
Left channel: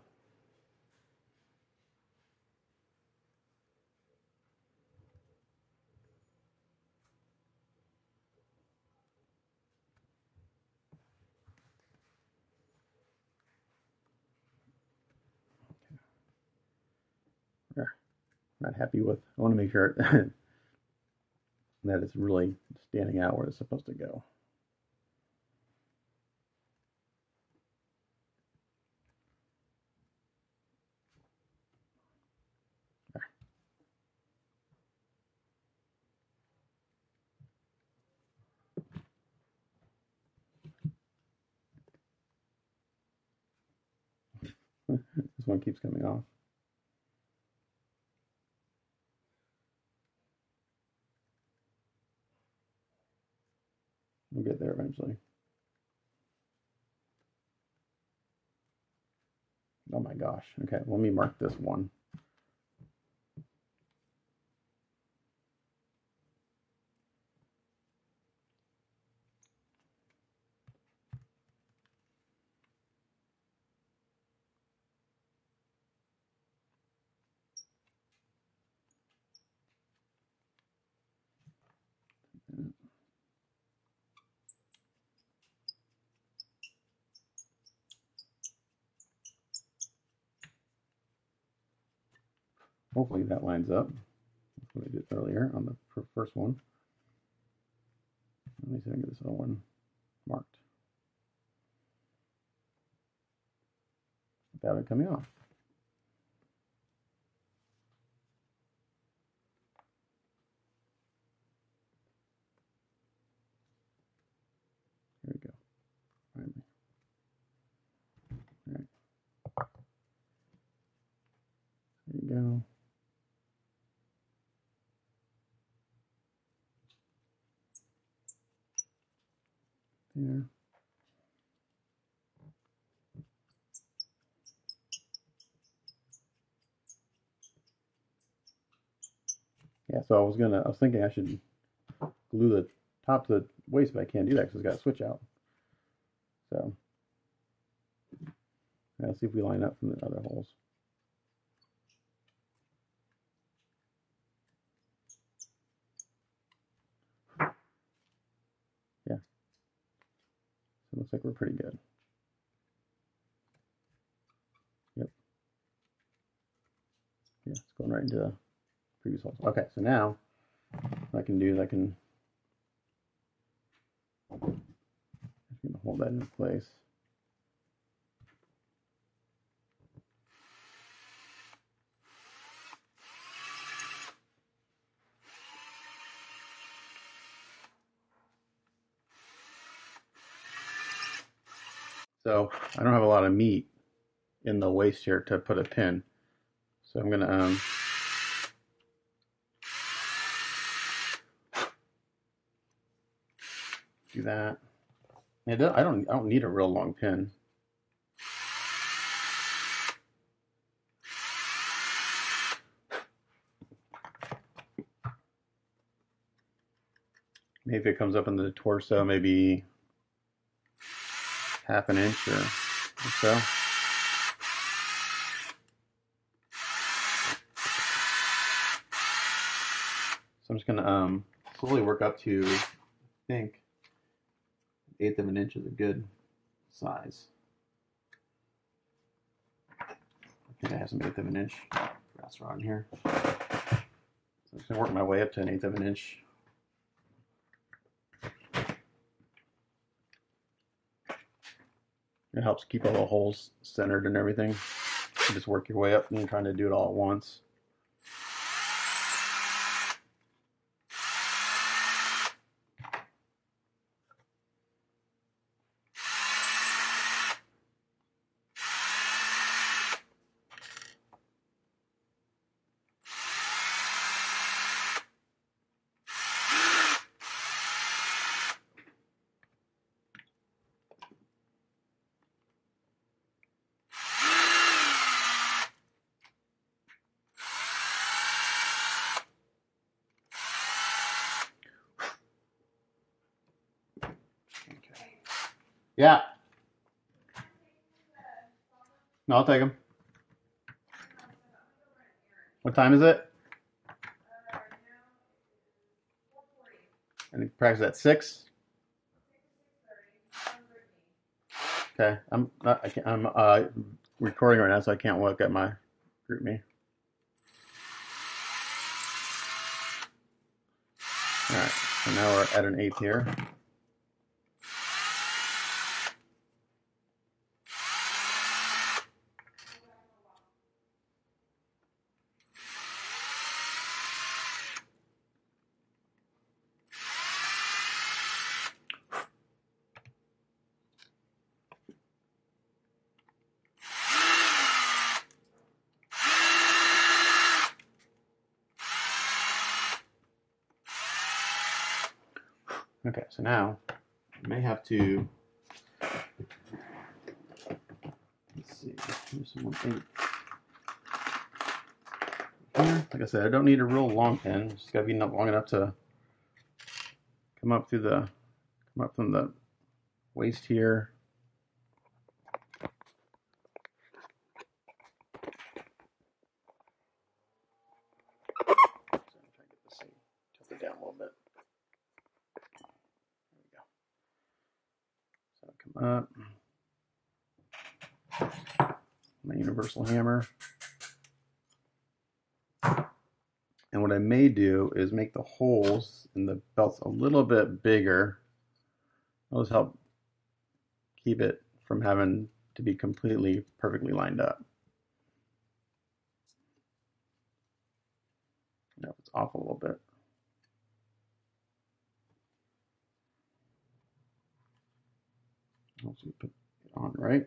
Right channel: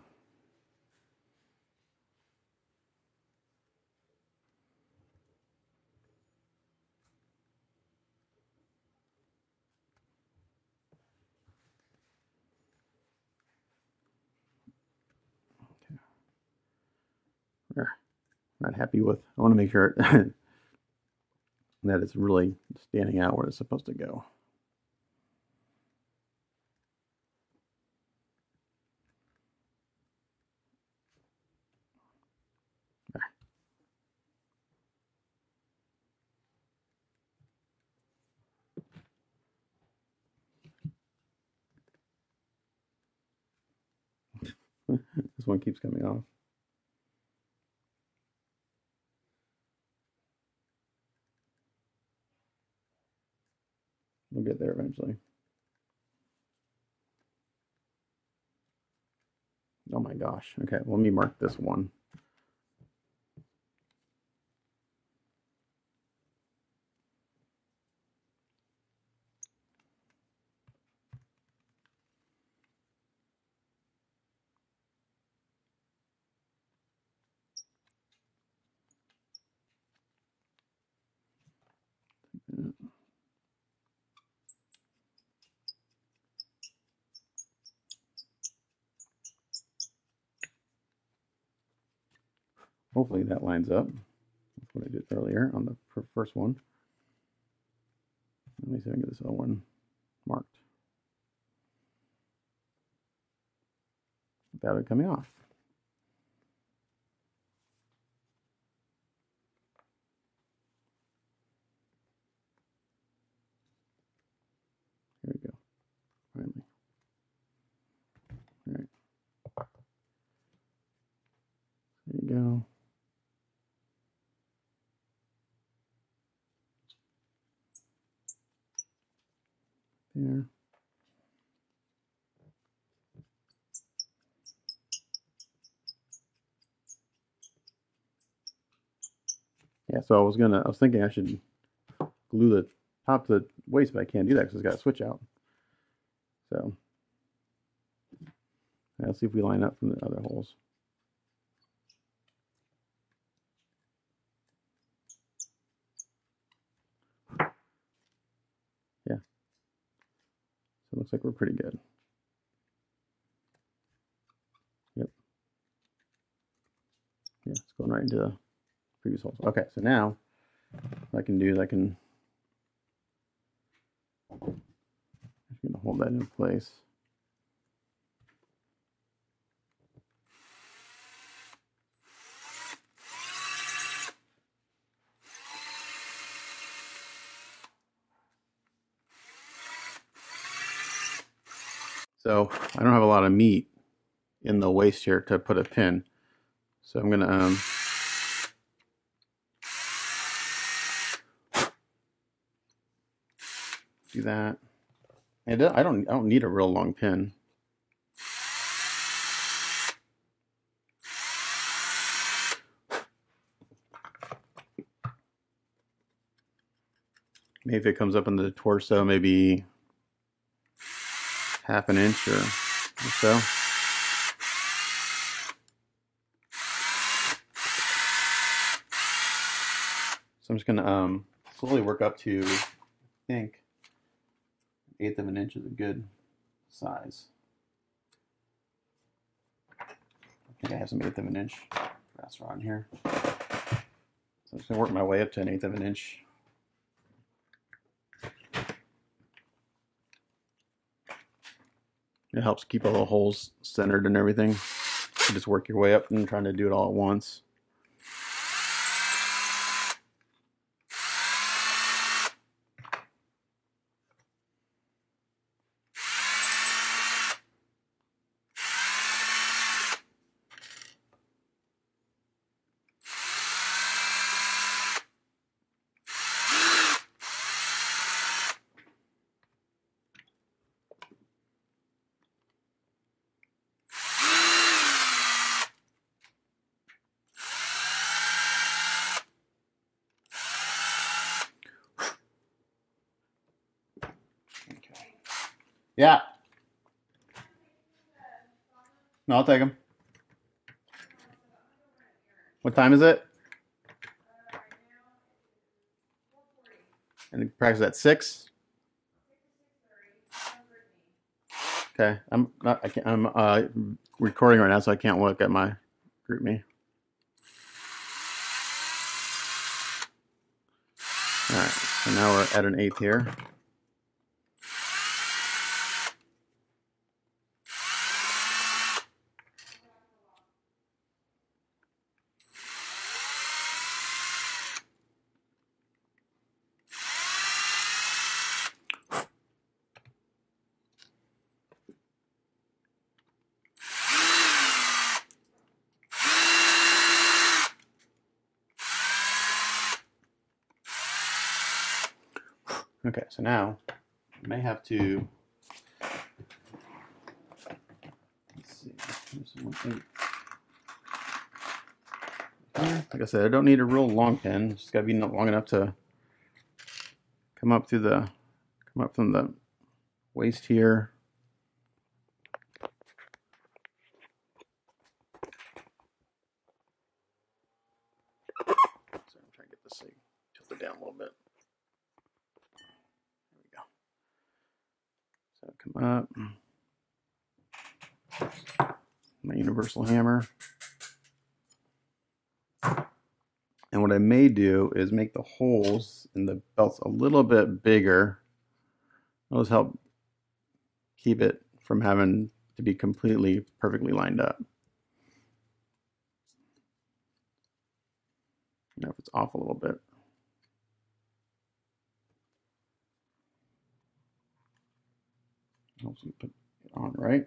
Okay. Not happy with. I want to make sure that it's really standing out where it's supposed to go. This one keeps coming off. We'll get there eventually. Oh my gosh. Okay, let me mark this one. Hopefully that lines up. That's what I did earlier on the first one. Let me see if I can get this other one marked without it coming off. Here we go. Finally. All right. There you go. There. Yeah, so I was thinking I should glue the top to the waist, but I can't do that because it's got a switch out. So yeah, let's see if we line up from the other holes. Yeah. So it looks like we're pretty good. Yep. Yeah, it's going right into the previous holes. Okay, so now what I can do is I'm just going to hold that in place. So I don't have a lot of meat in the waist here to put a pin. So I'm going to do that. And I don't need a real long pin. Maybe if it comes up in the torso, maybe half an inch or so. So I'm just gonna slowly work up to, I think, 1/8 of an inch is a good size. I think I have some 1/8 of an inch grass rod in here. So I'm just gonna work my way up to 1/8 of an inch. It helps keep all the holes centered and everything. You just work your way up and trying to do it all at once. Yeah. No, I'll take them. What time is it? And practice at 6. Okay, I'm recording right now, so I can't look at my group me. All right, so now we're at an 1/8 here. Okay, so now I may have to, let's see, here's one thing. Like I said, I don't need a real long pin. It's just got to be long enough to come up from the waist here. So I'm trying to get this thing tilted down a little bit. There we go. So come up. My universal hammer. And what I may do is make the holes in the belts a little bit bigger. Those help keep it from having to be completely perfectly lined up. Now if it's off a little bit. Helps me put it on right.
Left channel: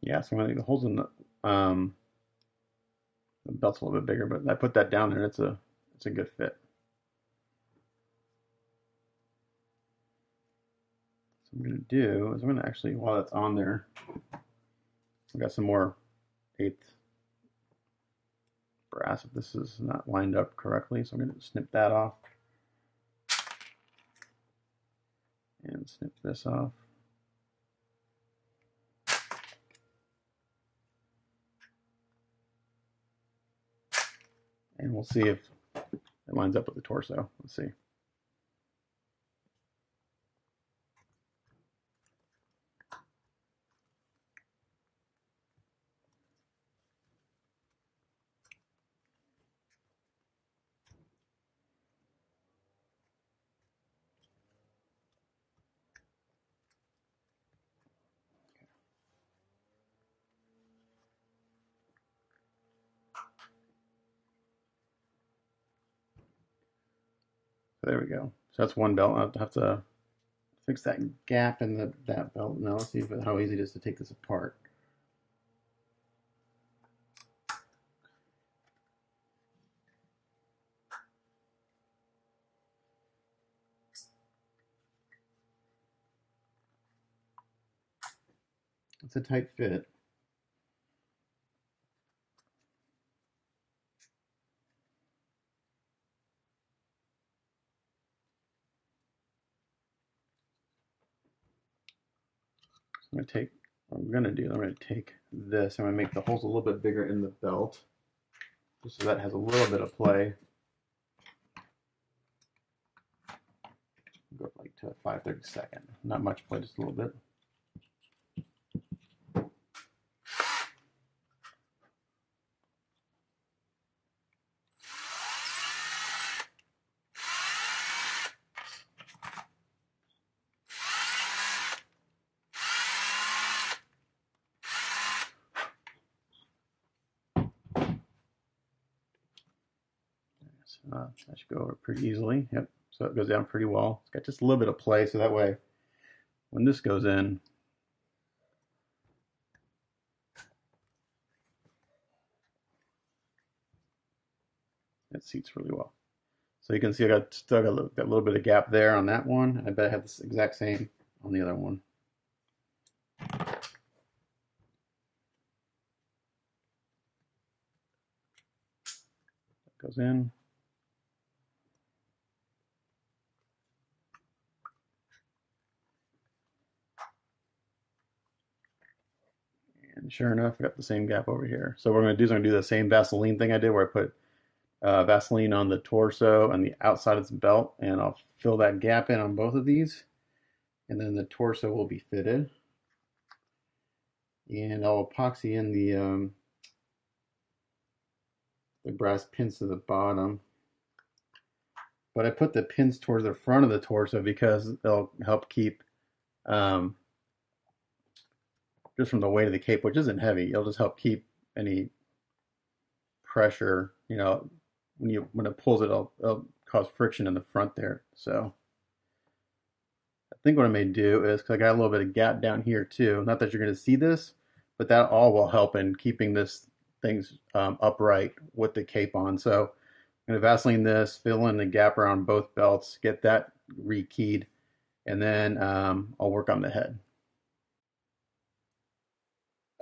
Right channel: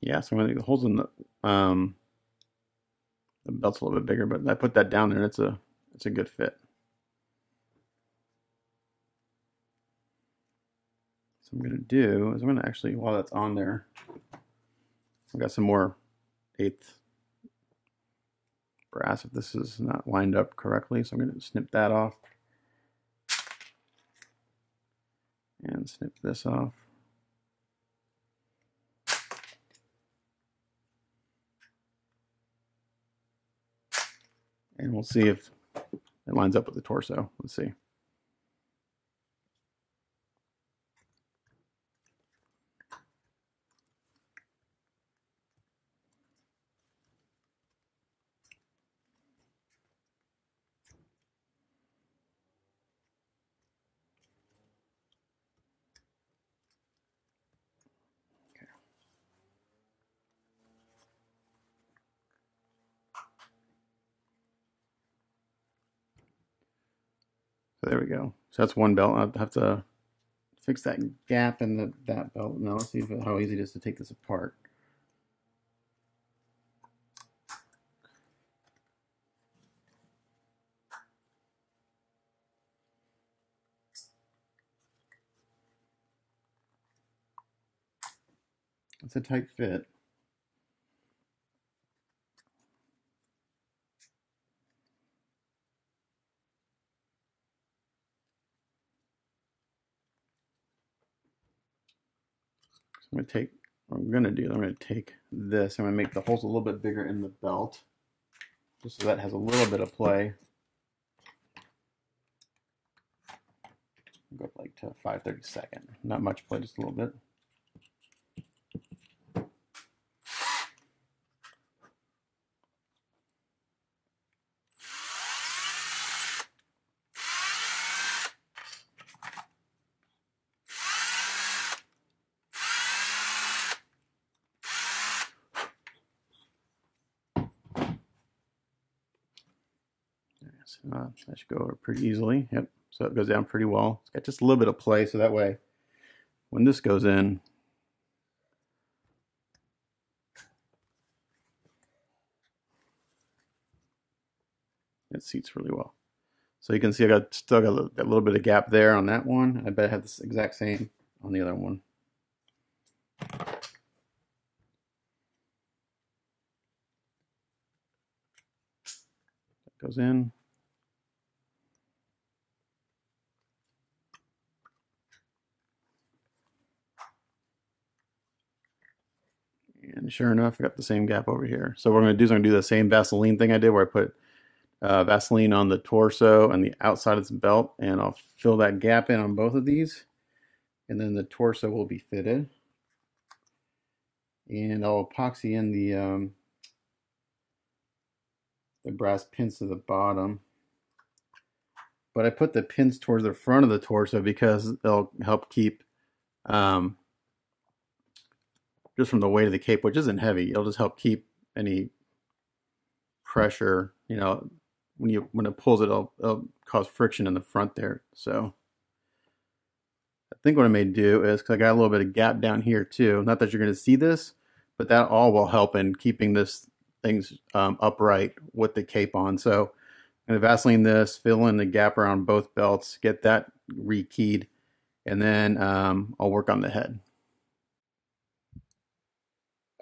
Yeah, so I'm gonna make the holes in the belt's a little bit bigger, but I put that down there. It's a good fit. So what I'm gonna do is I'm gonna actually, while that's on there, I've got some more 1/8 brass if this is not lined up correctly. So I'm gonna snip that off and snip this off. And we'll see if it lines up with the torso. Let's see. So there we go. So that's one belt. I'll have to fix that gap in that belt. Now let's see how easy it is to take this apart. It's a tight fit. I'm going to take, what I'm going to do, I'm going to take this, I'm going to make the holes a little bit bigger in the belt, just so that has a little bit of play. Go up like to 5/32. Not much play, just a little bit. That should go over pretty easily. Yep. So it goes down pretty well. It's got just a little bit of play, so that way when this goes in, it seats really well. So you can see I still got a little bit of gap there on that one. I bet I have this exact same on the other one. goes in. And sure enough, I got the same gap over here. So what I'm going to do is I'm going to do the same Vaseline thing I did where I put Vaseline on the torso and the outside of the belt, and I'll fill that gap in on both of these, and then the torso will be fitted. And I'll epoxy in the brass pins to the bottom. But I put the pins towards the front of the torso because they'll help keep just from the weight of the cape, which isn't heavy. It'll just help keep any pressure, you know, when it pulls it, it'll cause friction in the front there. So I think what I may do is, because I got a little bit of gap down here too, not that you're going to see this, but that all will help in keeping this things upright with the cape on. So I'm going to Vaseline this, fill in the gap around both belts, get that rekeyed, and then I'll work on the head.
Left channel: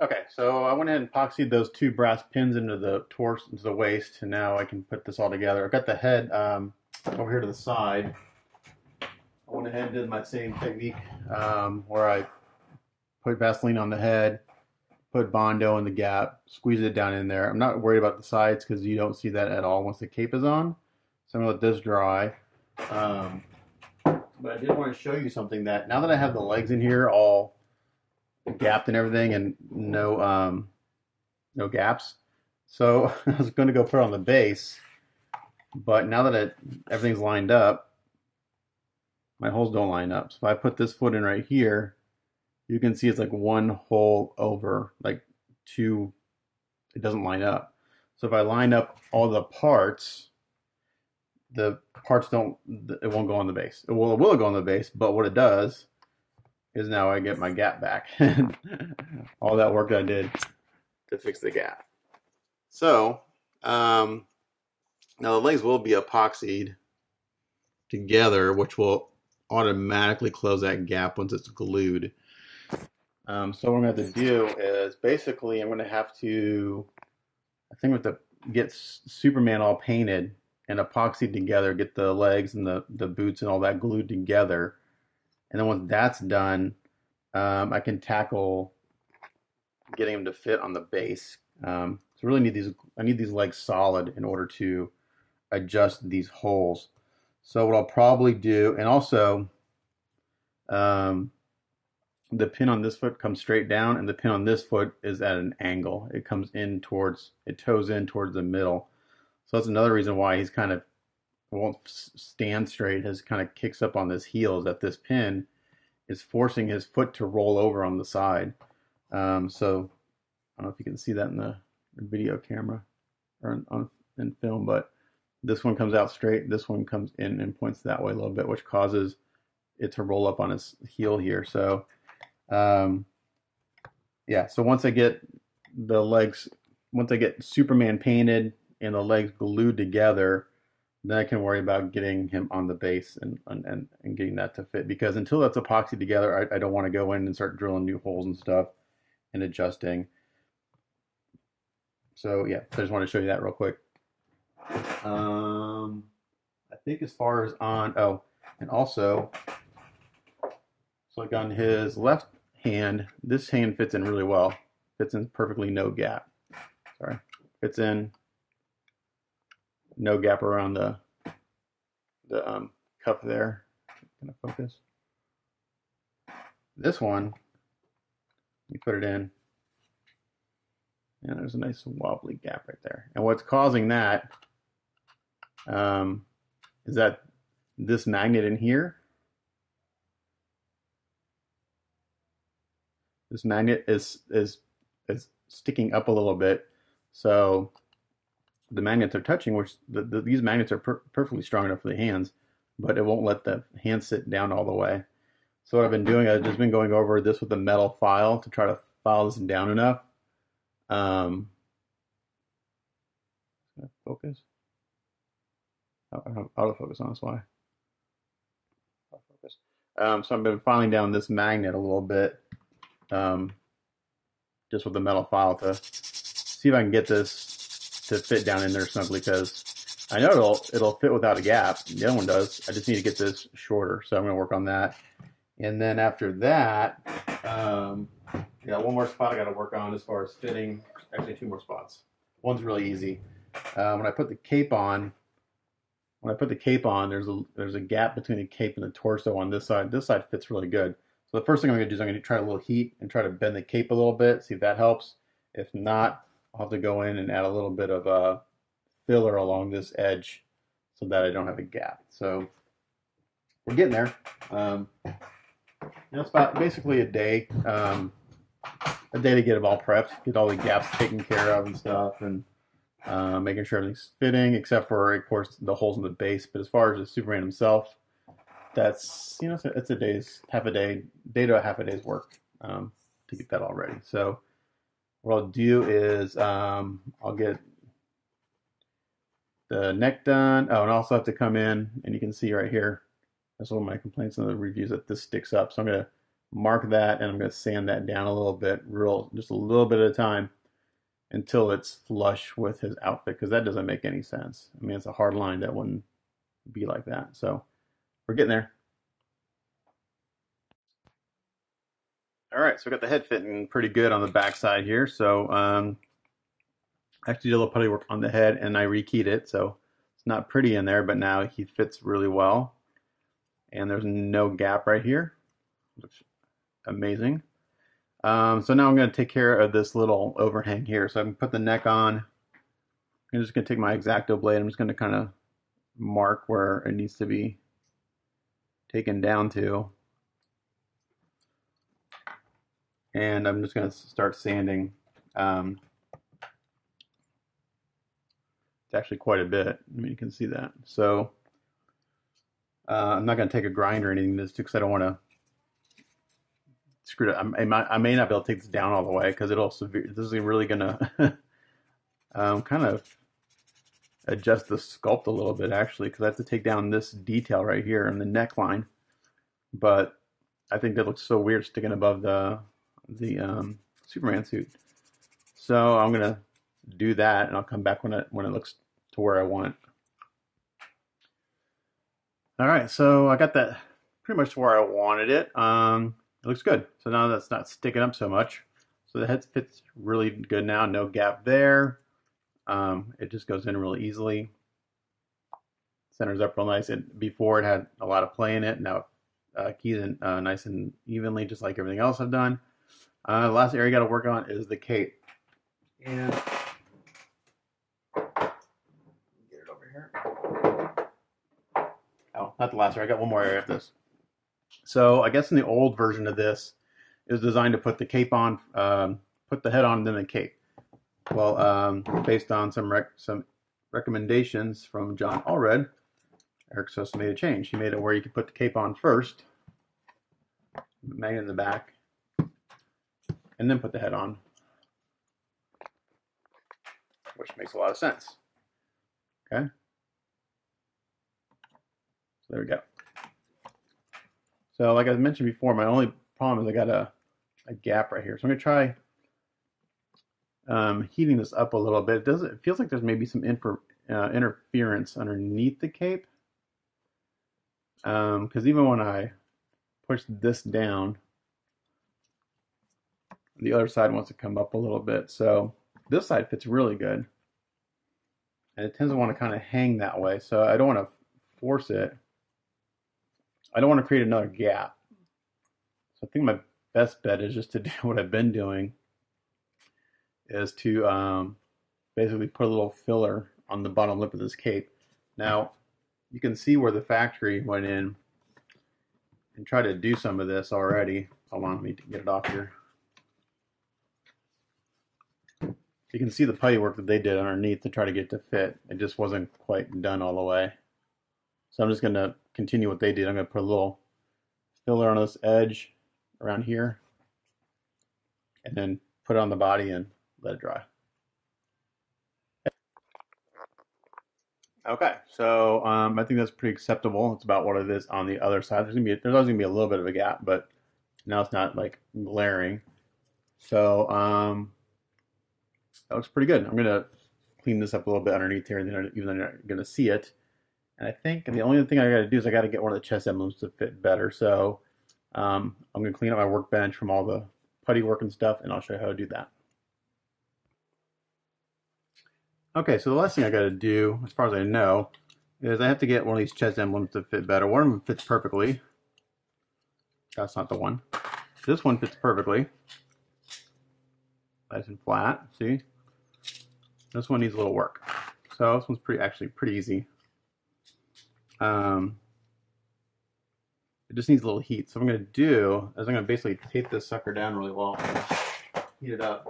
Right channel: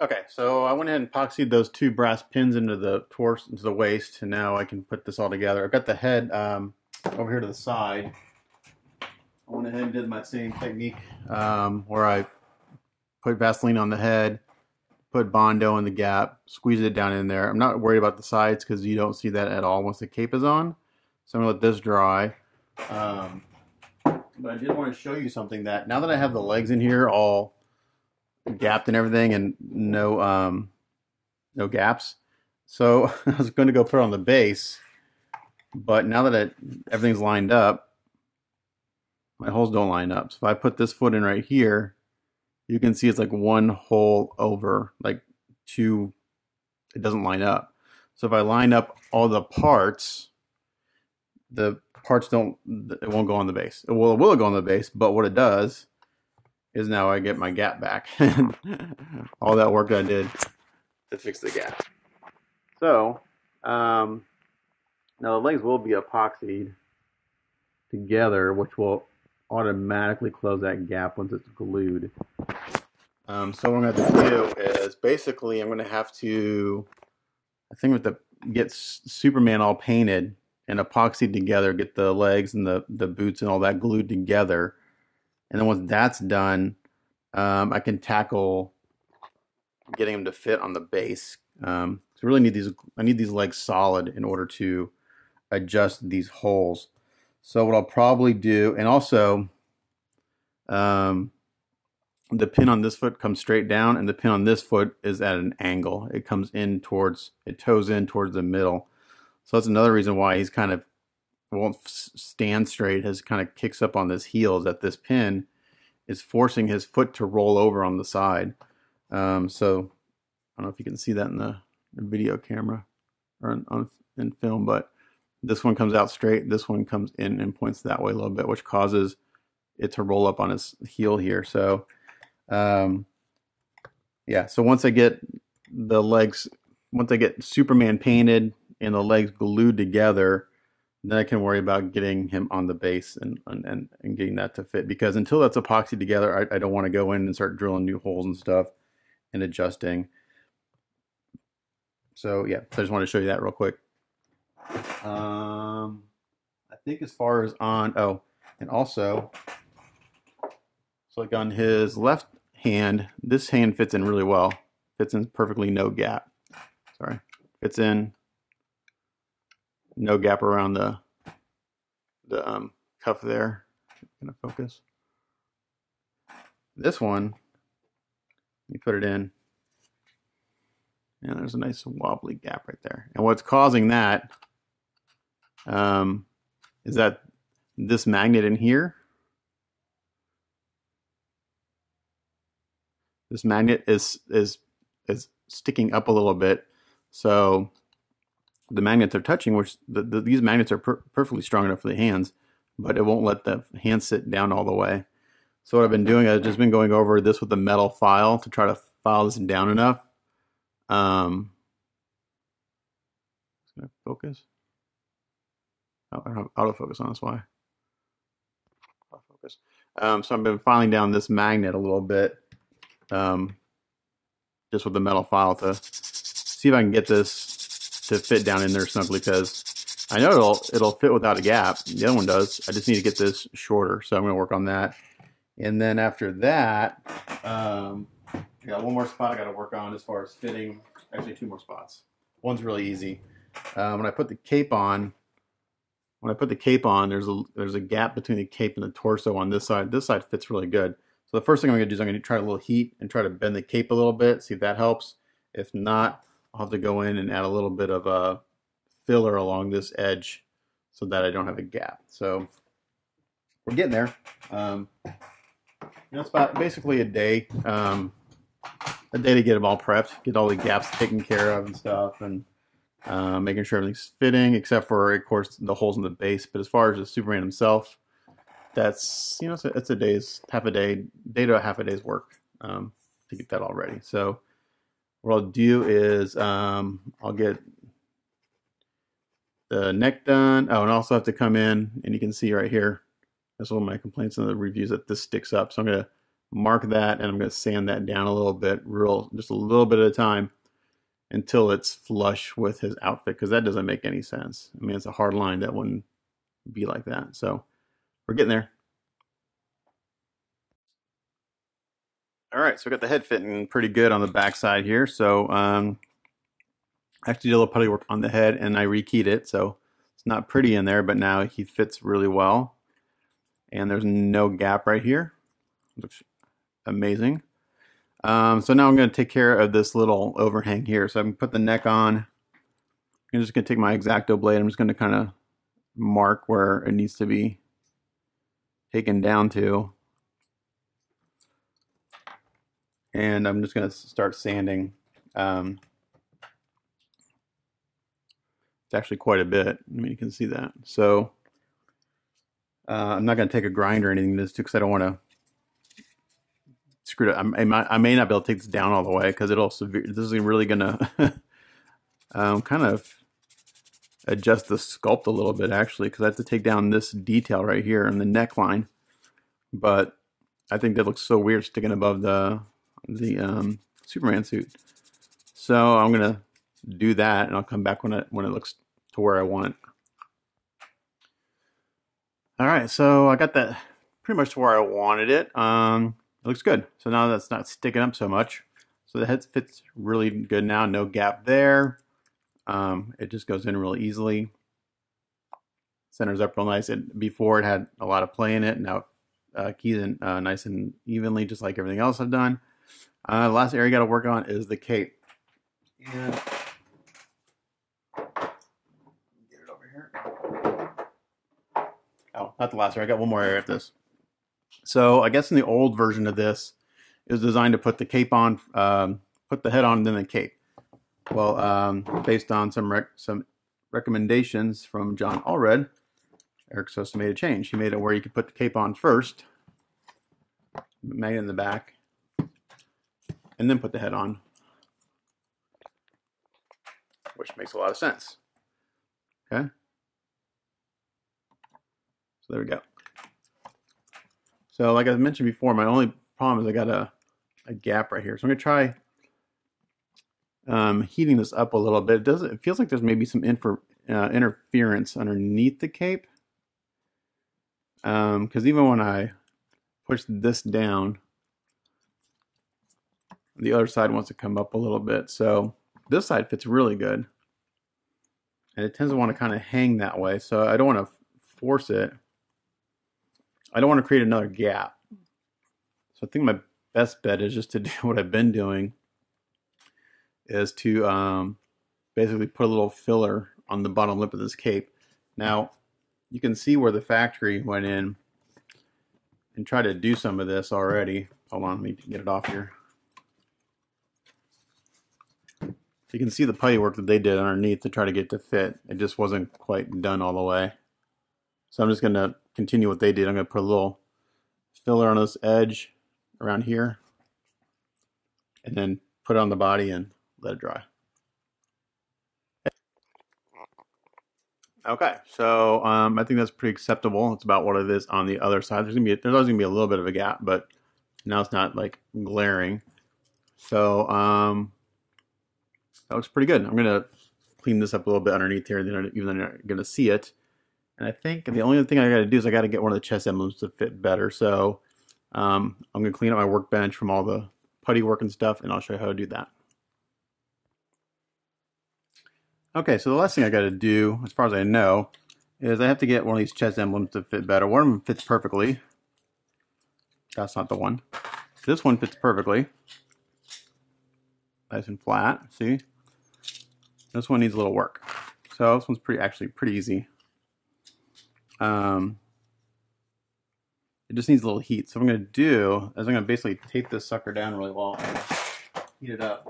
Okay, so I went ahead and epoxied those two brass pins into the torso, into the waist, and now I can put this all together. I've got the head over here to the side. I went ahead and did my same technique where I put Vaseline on the head, put Bondo in the gap, squeeze it down in there. I'm not worried about the sides because you don't see that at all once the cape is on. So I'm going to let this dry. But I did want to show you something that now that I have the legs in here all gapped and everything and no gaps. So I was going to go put it on the base, but now that everything's lined up, my holes don't line up. So if I put this foot in right here, you can see it's like one hole over, like two, it doesn't line up. So if I line up all the parts don't, it won't go on the base. It will go on the base, but what it does is now I get my gap back. All that work I did to fix the gap. So, now the legs will be epoxied together, which will automatically close that gap once it's glued. So what I'm going to have to do is basically I'm going to have to, I think we have to get Superman all painted and epoxied together, get the legs and the boots and all that glued together. And then once that's done, I can tackle getting them to fit on the base. So I really need I need these legs solid in order to adjust these holes. So what I'll probably do, and also the pin on this foot comes straight down, and the pin on this foot is at an angle. It comes in towards, it toes in towards the middle. So that's another reason why he's kind of won't stand straight, has kind of kicks up on his heels, that this pin is forcing his foot to roll over on the side. So I don't know if you can see that in the video camera or in film, but this one comes out straight, this one comes in and points that way a little bit, which causes it to roll up on his heel here. So yeah, so once I get the legs, once I get Superman painted and the legs glued together, then I can worry about getting him on the base and getting that to fit. Because until that's epoxy together, I don't want to go in and start drilling new holes and stuff and adjusting. So yeah, so I just want to show you that real quick. I think as far as on, oh, and also, so like on his left hand, this hand fits in really well. Fits in perfectly, no gap. Sorry, fits in. No gap around the cuff there. Gonna focus. This one, you put it in, and there's a nice wobbly gap right there. And what's causing that is that this magnet in here, this magnet is sticking up a little bit, so the magnets are touching, which these magnets are perfectly strong enough for the hands, but it won't let the hand sit down all the way. So what I've been doing, I've just been going over this with a metal file to try to file this down enough. It's gonna focus. Oh, I don't have autofocus on, that's why. Autofocus. So I've been filing down this magnet a little bit, just with the metal file to see if I can get this to fit down in there snugly, because I know it'll fit without a gap. The other one does. I just need to get this shorter, so I'm going to work on that. And then after that, I got one more spot I got to work on as far as fitting. Actually, two more spots. One's really easy. When I put the cape on, there's a gap between the cape and the torso on this side. This side fits really good. So the first thing I'm going to do is I'm going to try a little heat and try to bend the cape a little bit, see if that helps. If not, I'll have to go in and add a little bit of a filler along this edge so that I don't have a gap. So we're getting there. It's about basically a day to get them all prepped, get all the gaps taken care of and stuff, and making sure everything's fitting, except for, of course, the holes in the base. But as far as the Superman himself, that's, it's a day's, half a day to a half a day's work to get that all ready. So what I'll do is I'll get the neck done. Oh, and I also have to come in, and you can see right here, that's one of my complaints in the reviews, that this sticks up. So I'm going to mark that, and I'm going to sand that down a little bit, just a little bit at a time, until it's flush with his outfit, because that doesn't make any sense. I mean, it's a hard line that wouldn't be like that. So we're getting there. All right, so I got the head fitting pretty good on the back side here. So I actually did a little putty work on the head, and I rekeyed it, so it's not pretty in there, but now he fits really well. And there's no gap right here. Looks amazing. So now I'm going to take care of this little overhang here. So I can put the neck on. I'm just going to take my X-Acto blade. I'm just going to kind of mark where it needs to be taken down to. And I'm just going to start sanding. It's actually quite a bit. I mean, you can see that. So I'm not going to take a grinder or anything this because I don't want to screw it up. I may not be able to take this down all the way because this is really going to kind of adjust the sculpt a little bit, actually, because I have to take down this detail right here in the neckline. But I think that looks so weird sticking above the Superman suit. So I'm going to do that, and I'll come back when it looks to where I want it. All right, so I got that pretty much to where I wanted it. It looks good. So now that's not sticking up so much. So the head fits really good now. No gap there. It just goes in really easily. Centers up real nice. Before it had a lot of play in it. Now keys in nice and evenly, just like everything else I've done. The last area I got to work on is the cape. And get it over here. Oh, not the last area. I got one more area of this. So I guess in the old version of this, it was designed to put the cape on, put the head on, and then the cape. Well, based on some recommendations from John Allred, Eric Sosa made a change. He made it where you could put the cape on first, magnet in the back, and then put the head on, which makes a lot of sense. Okay, so there we go. So like I mentioned before, my only problem is I got a gap right here. So I'm going to try heating this up a little bit. It feels like there's maybe some interference underneath the cape. Because even when I push this down, the other side wants to come up a little bit. So this side fits really good. And it tends to want to kind of hang that way. So I don't want to force it. I don't want to create another gap. So I think my best bet is just to do what I've been doing, is to basically put a little filler on the bottom lip of this cape. Now, you can see where the factory went in and tried to do some of this already. Hold on, let me get it off here. You can see the putty work that they did underneath to try to get it to fit. It just wasn't quite done all the way. So I'm just going to continue what they did. I'm going to put a little filler on this edge around here, and then put it on the body and let it dry. Okay, so I think that's pretty acceptable. It's about what it is on the other side. There's always gonna be a little bit of a gap, but now it's not like glaring. So that looks pretty good. I'm gonna clean this up a little bit underneath here, even though you're not going to see it. And I think the only thing I got to do is I got to get one of the chest emblems to fit better. So I'm going to clean up my workbench from all the putty work and stuff, and I'll show you how to do that. Okay, so the last thing I got to do, as far as I know, is I have to get one of these chest emblems to fit better. One of them fits perfectly. That's not the one. This one fits perfectly. Nice and flat, see? This one needs a little work. So this one's actually pretty easy. It just needs a little heat. So what I'm going to do is I'm going to basically tape this sucker down really well and heat it up.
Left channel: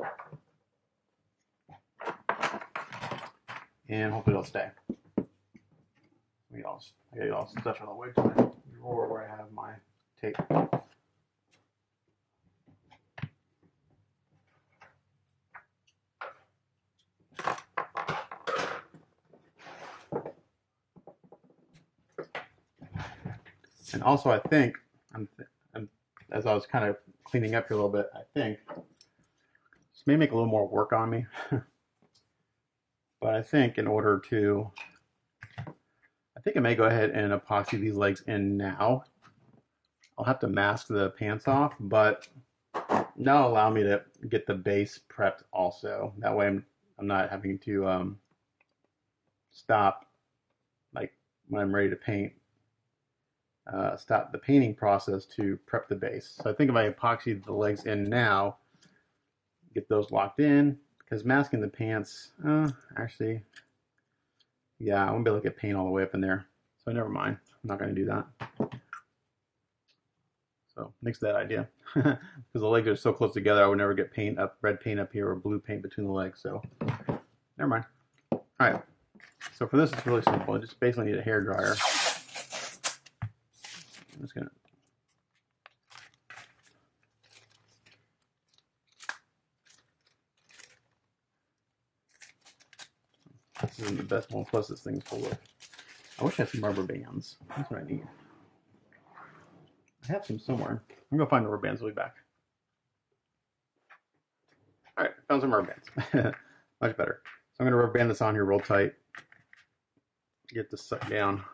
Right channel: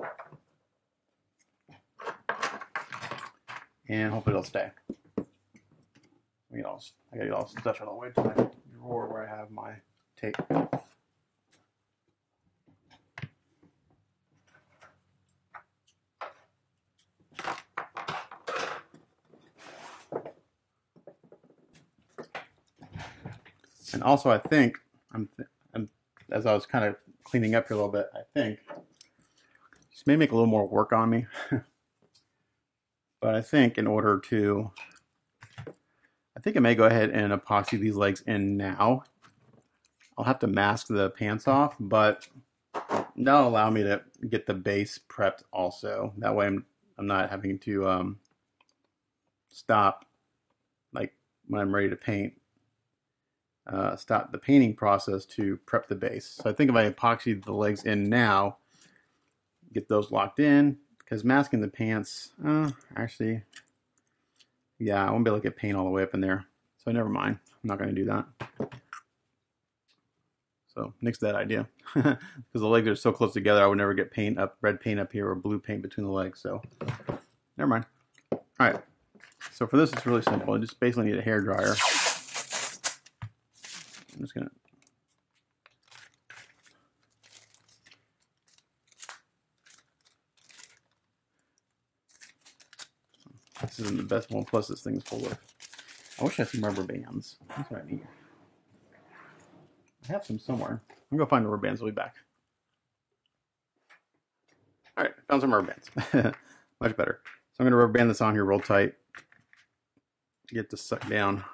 And hopefully it'll stay. I gotta get all stuff out of the way to my drawer where I have my tape. And also, I think, as I was kind of cleaning up here a little bit, I think this may make a little more work on me. But I think in order to, I think I may go ahead and epoxy these legs in now. I'll have to mask the pants off, but that'll allow me to get the base prepped also. That way I'm not having to stop, like when I'm ready to paint, stop the painting process to prep the base. So I think if I epoxy the legs in now, get those locked in, because masking the pants, actually, yeah, I won't be able to get paint all the way up in there. So never mind. I'm not going to do that. So nix that idea. Because the legs are so close together, I would never get paint up, red paint up here or blue paint between the legs. So never mind. All right. So for this, it's really simple. I just basically need a hair dryer. I'm just going to this isn't the best one, plus this thing's full of, I wish I had some rubber bands. That's what I need. I have some somewhere. I'm going to find the rubber bands. I'll be back. Alright, found some rubber bands. Much better. So I'm going to rubber band this on here real tight. Get this sucked down.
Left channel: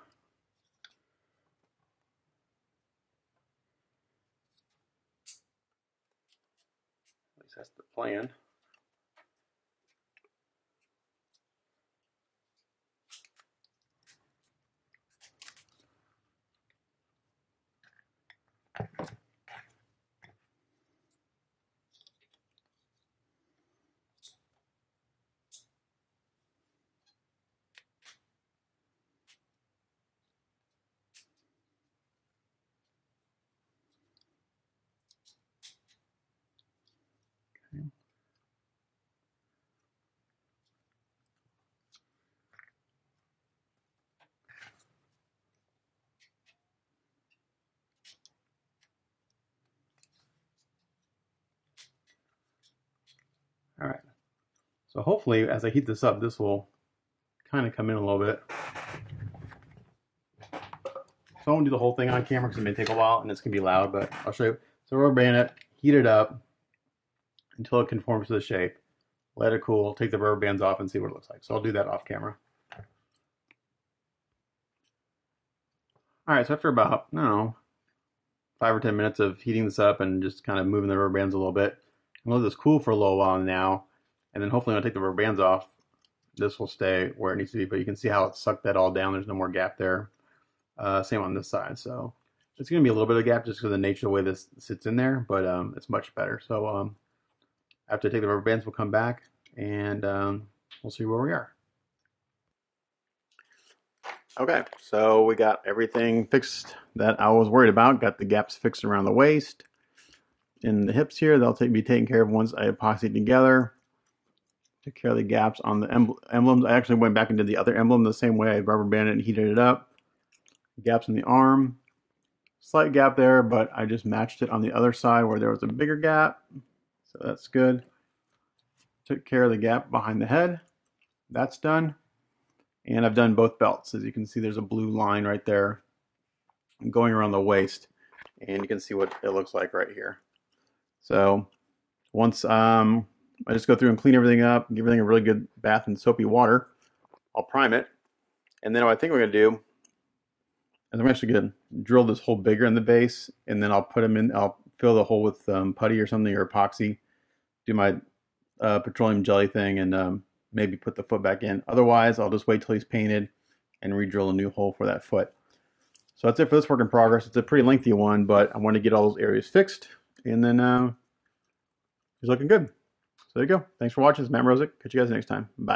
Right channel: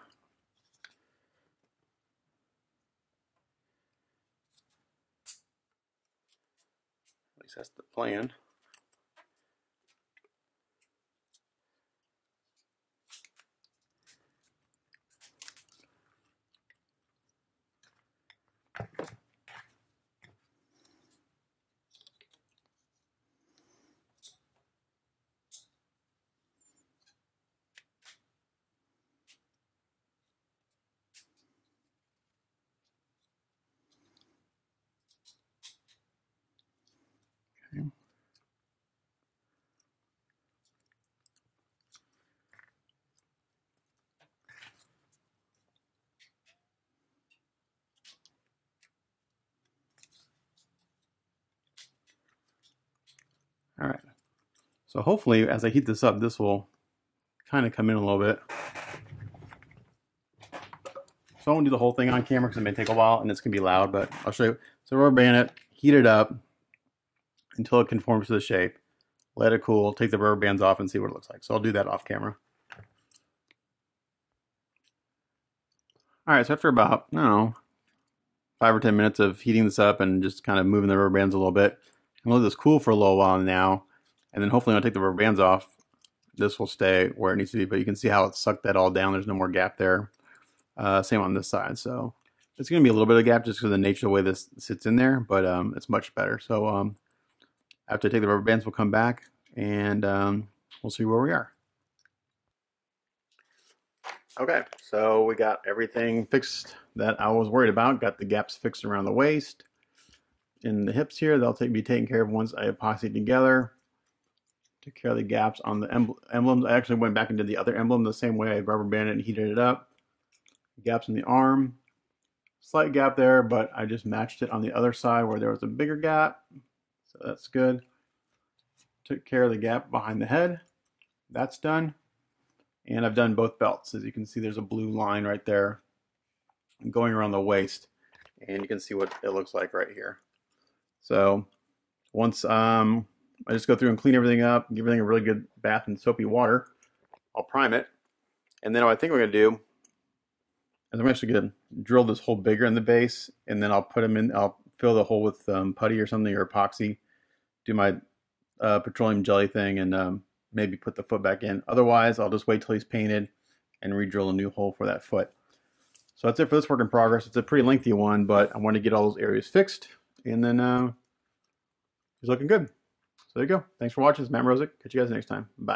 At least that's the plan. Okay. All right. So hopefully, as I heat this up, this will kind of come in a little bit. So I won't do the whole thing on camera because it may take a while and it's going to be loud, but I'll show you. So rubber band it, heat it up until it conforms to the shape. Let it cool, take the rubber bands off and see what it looks like. So I'll do that off camera. All right, so after about, I don't know, 5 or 10 minutes of heating this up and just kind of moving the rubber bands a little bit, I'm going to let this cool for a little while now. And then hopefully when I take the rubber bands off, this will stay where it needs to be. But you can see how it sucked that all down. There's no more gap there. Same on this side. So it's going to be a little bit of gap just because of the nature of the way this sits in there. But it's much better. So after I take the rubber bands, we'll come back and we'll see where we are. Okay, so we got everything fixed that I was worried about. Got the gaps fixed around the waist. In the hips here, they'll be taken care of once I epoxy together. Took care of the gaps on the emblems. I actually went back and did the other emblem the same way. I rubber banded and heated it up. Gaps in the arm. Slight gap there, but I just matched it on the other side where there was a bigger gap. So that's good. Took care of the gap behind the head. That's done. And I've done both belts. As you can see, there's a blue line right there going around the waist. And you can see what it looks like right here. So once I just go through and clean everything up, give everything a really good bath in soapy water. I'll prime it, and then what I think we're going to do is I'm actually going to drill this hole bigger in the base, and then I'll put them in. I'll fill the hole with putty or something, or epoxy. Do my petroleum jelly thing, and maybe put the foot back in. Otherwise, I'll just wait till he's painted and re-drill a new hole for that foot. So that's it for this work in progress. It's a pretty lengthy one, but I want to get all those areas fixed, and then he's looking good. So there you go. Thanks for watching. It's Matt Mrozek. Catch you guys next time. Bye.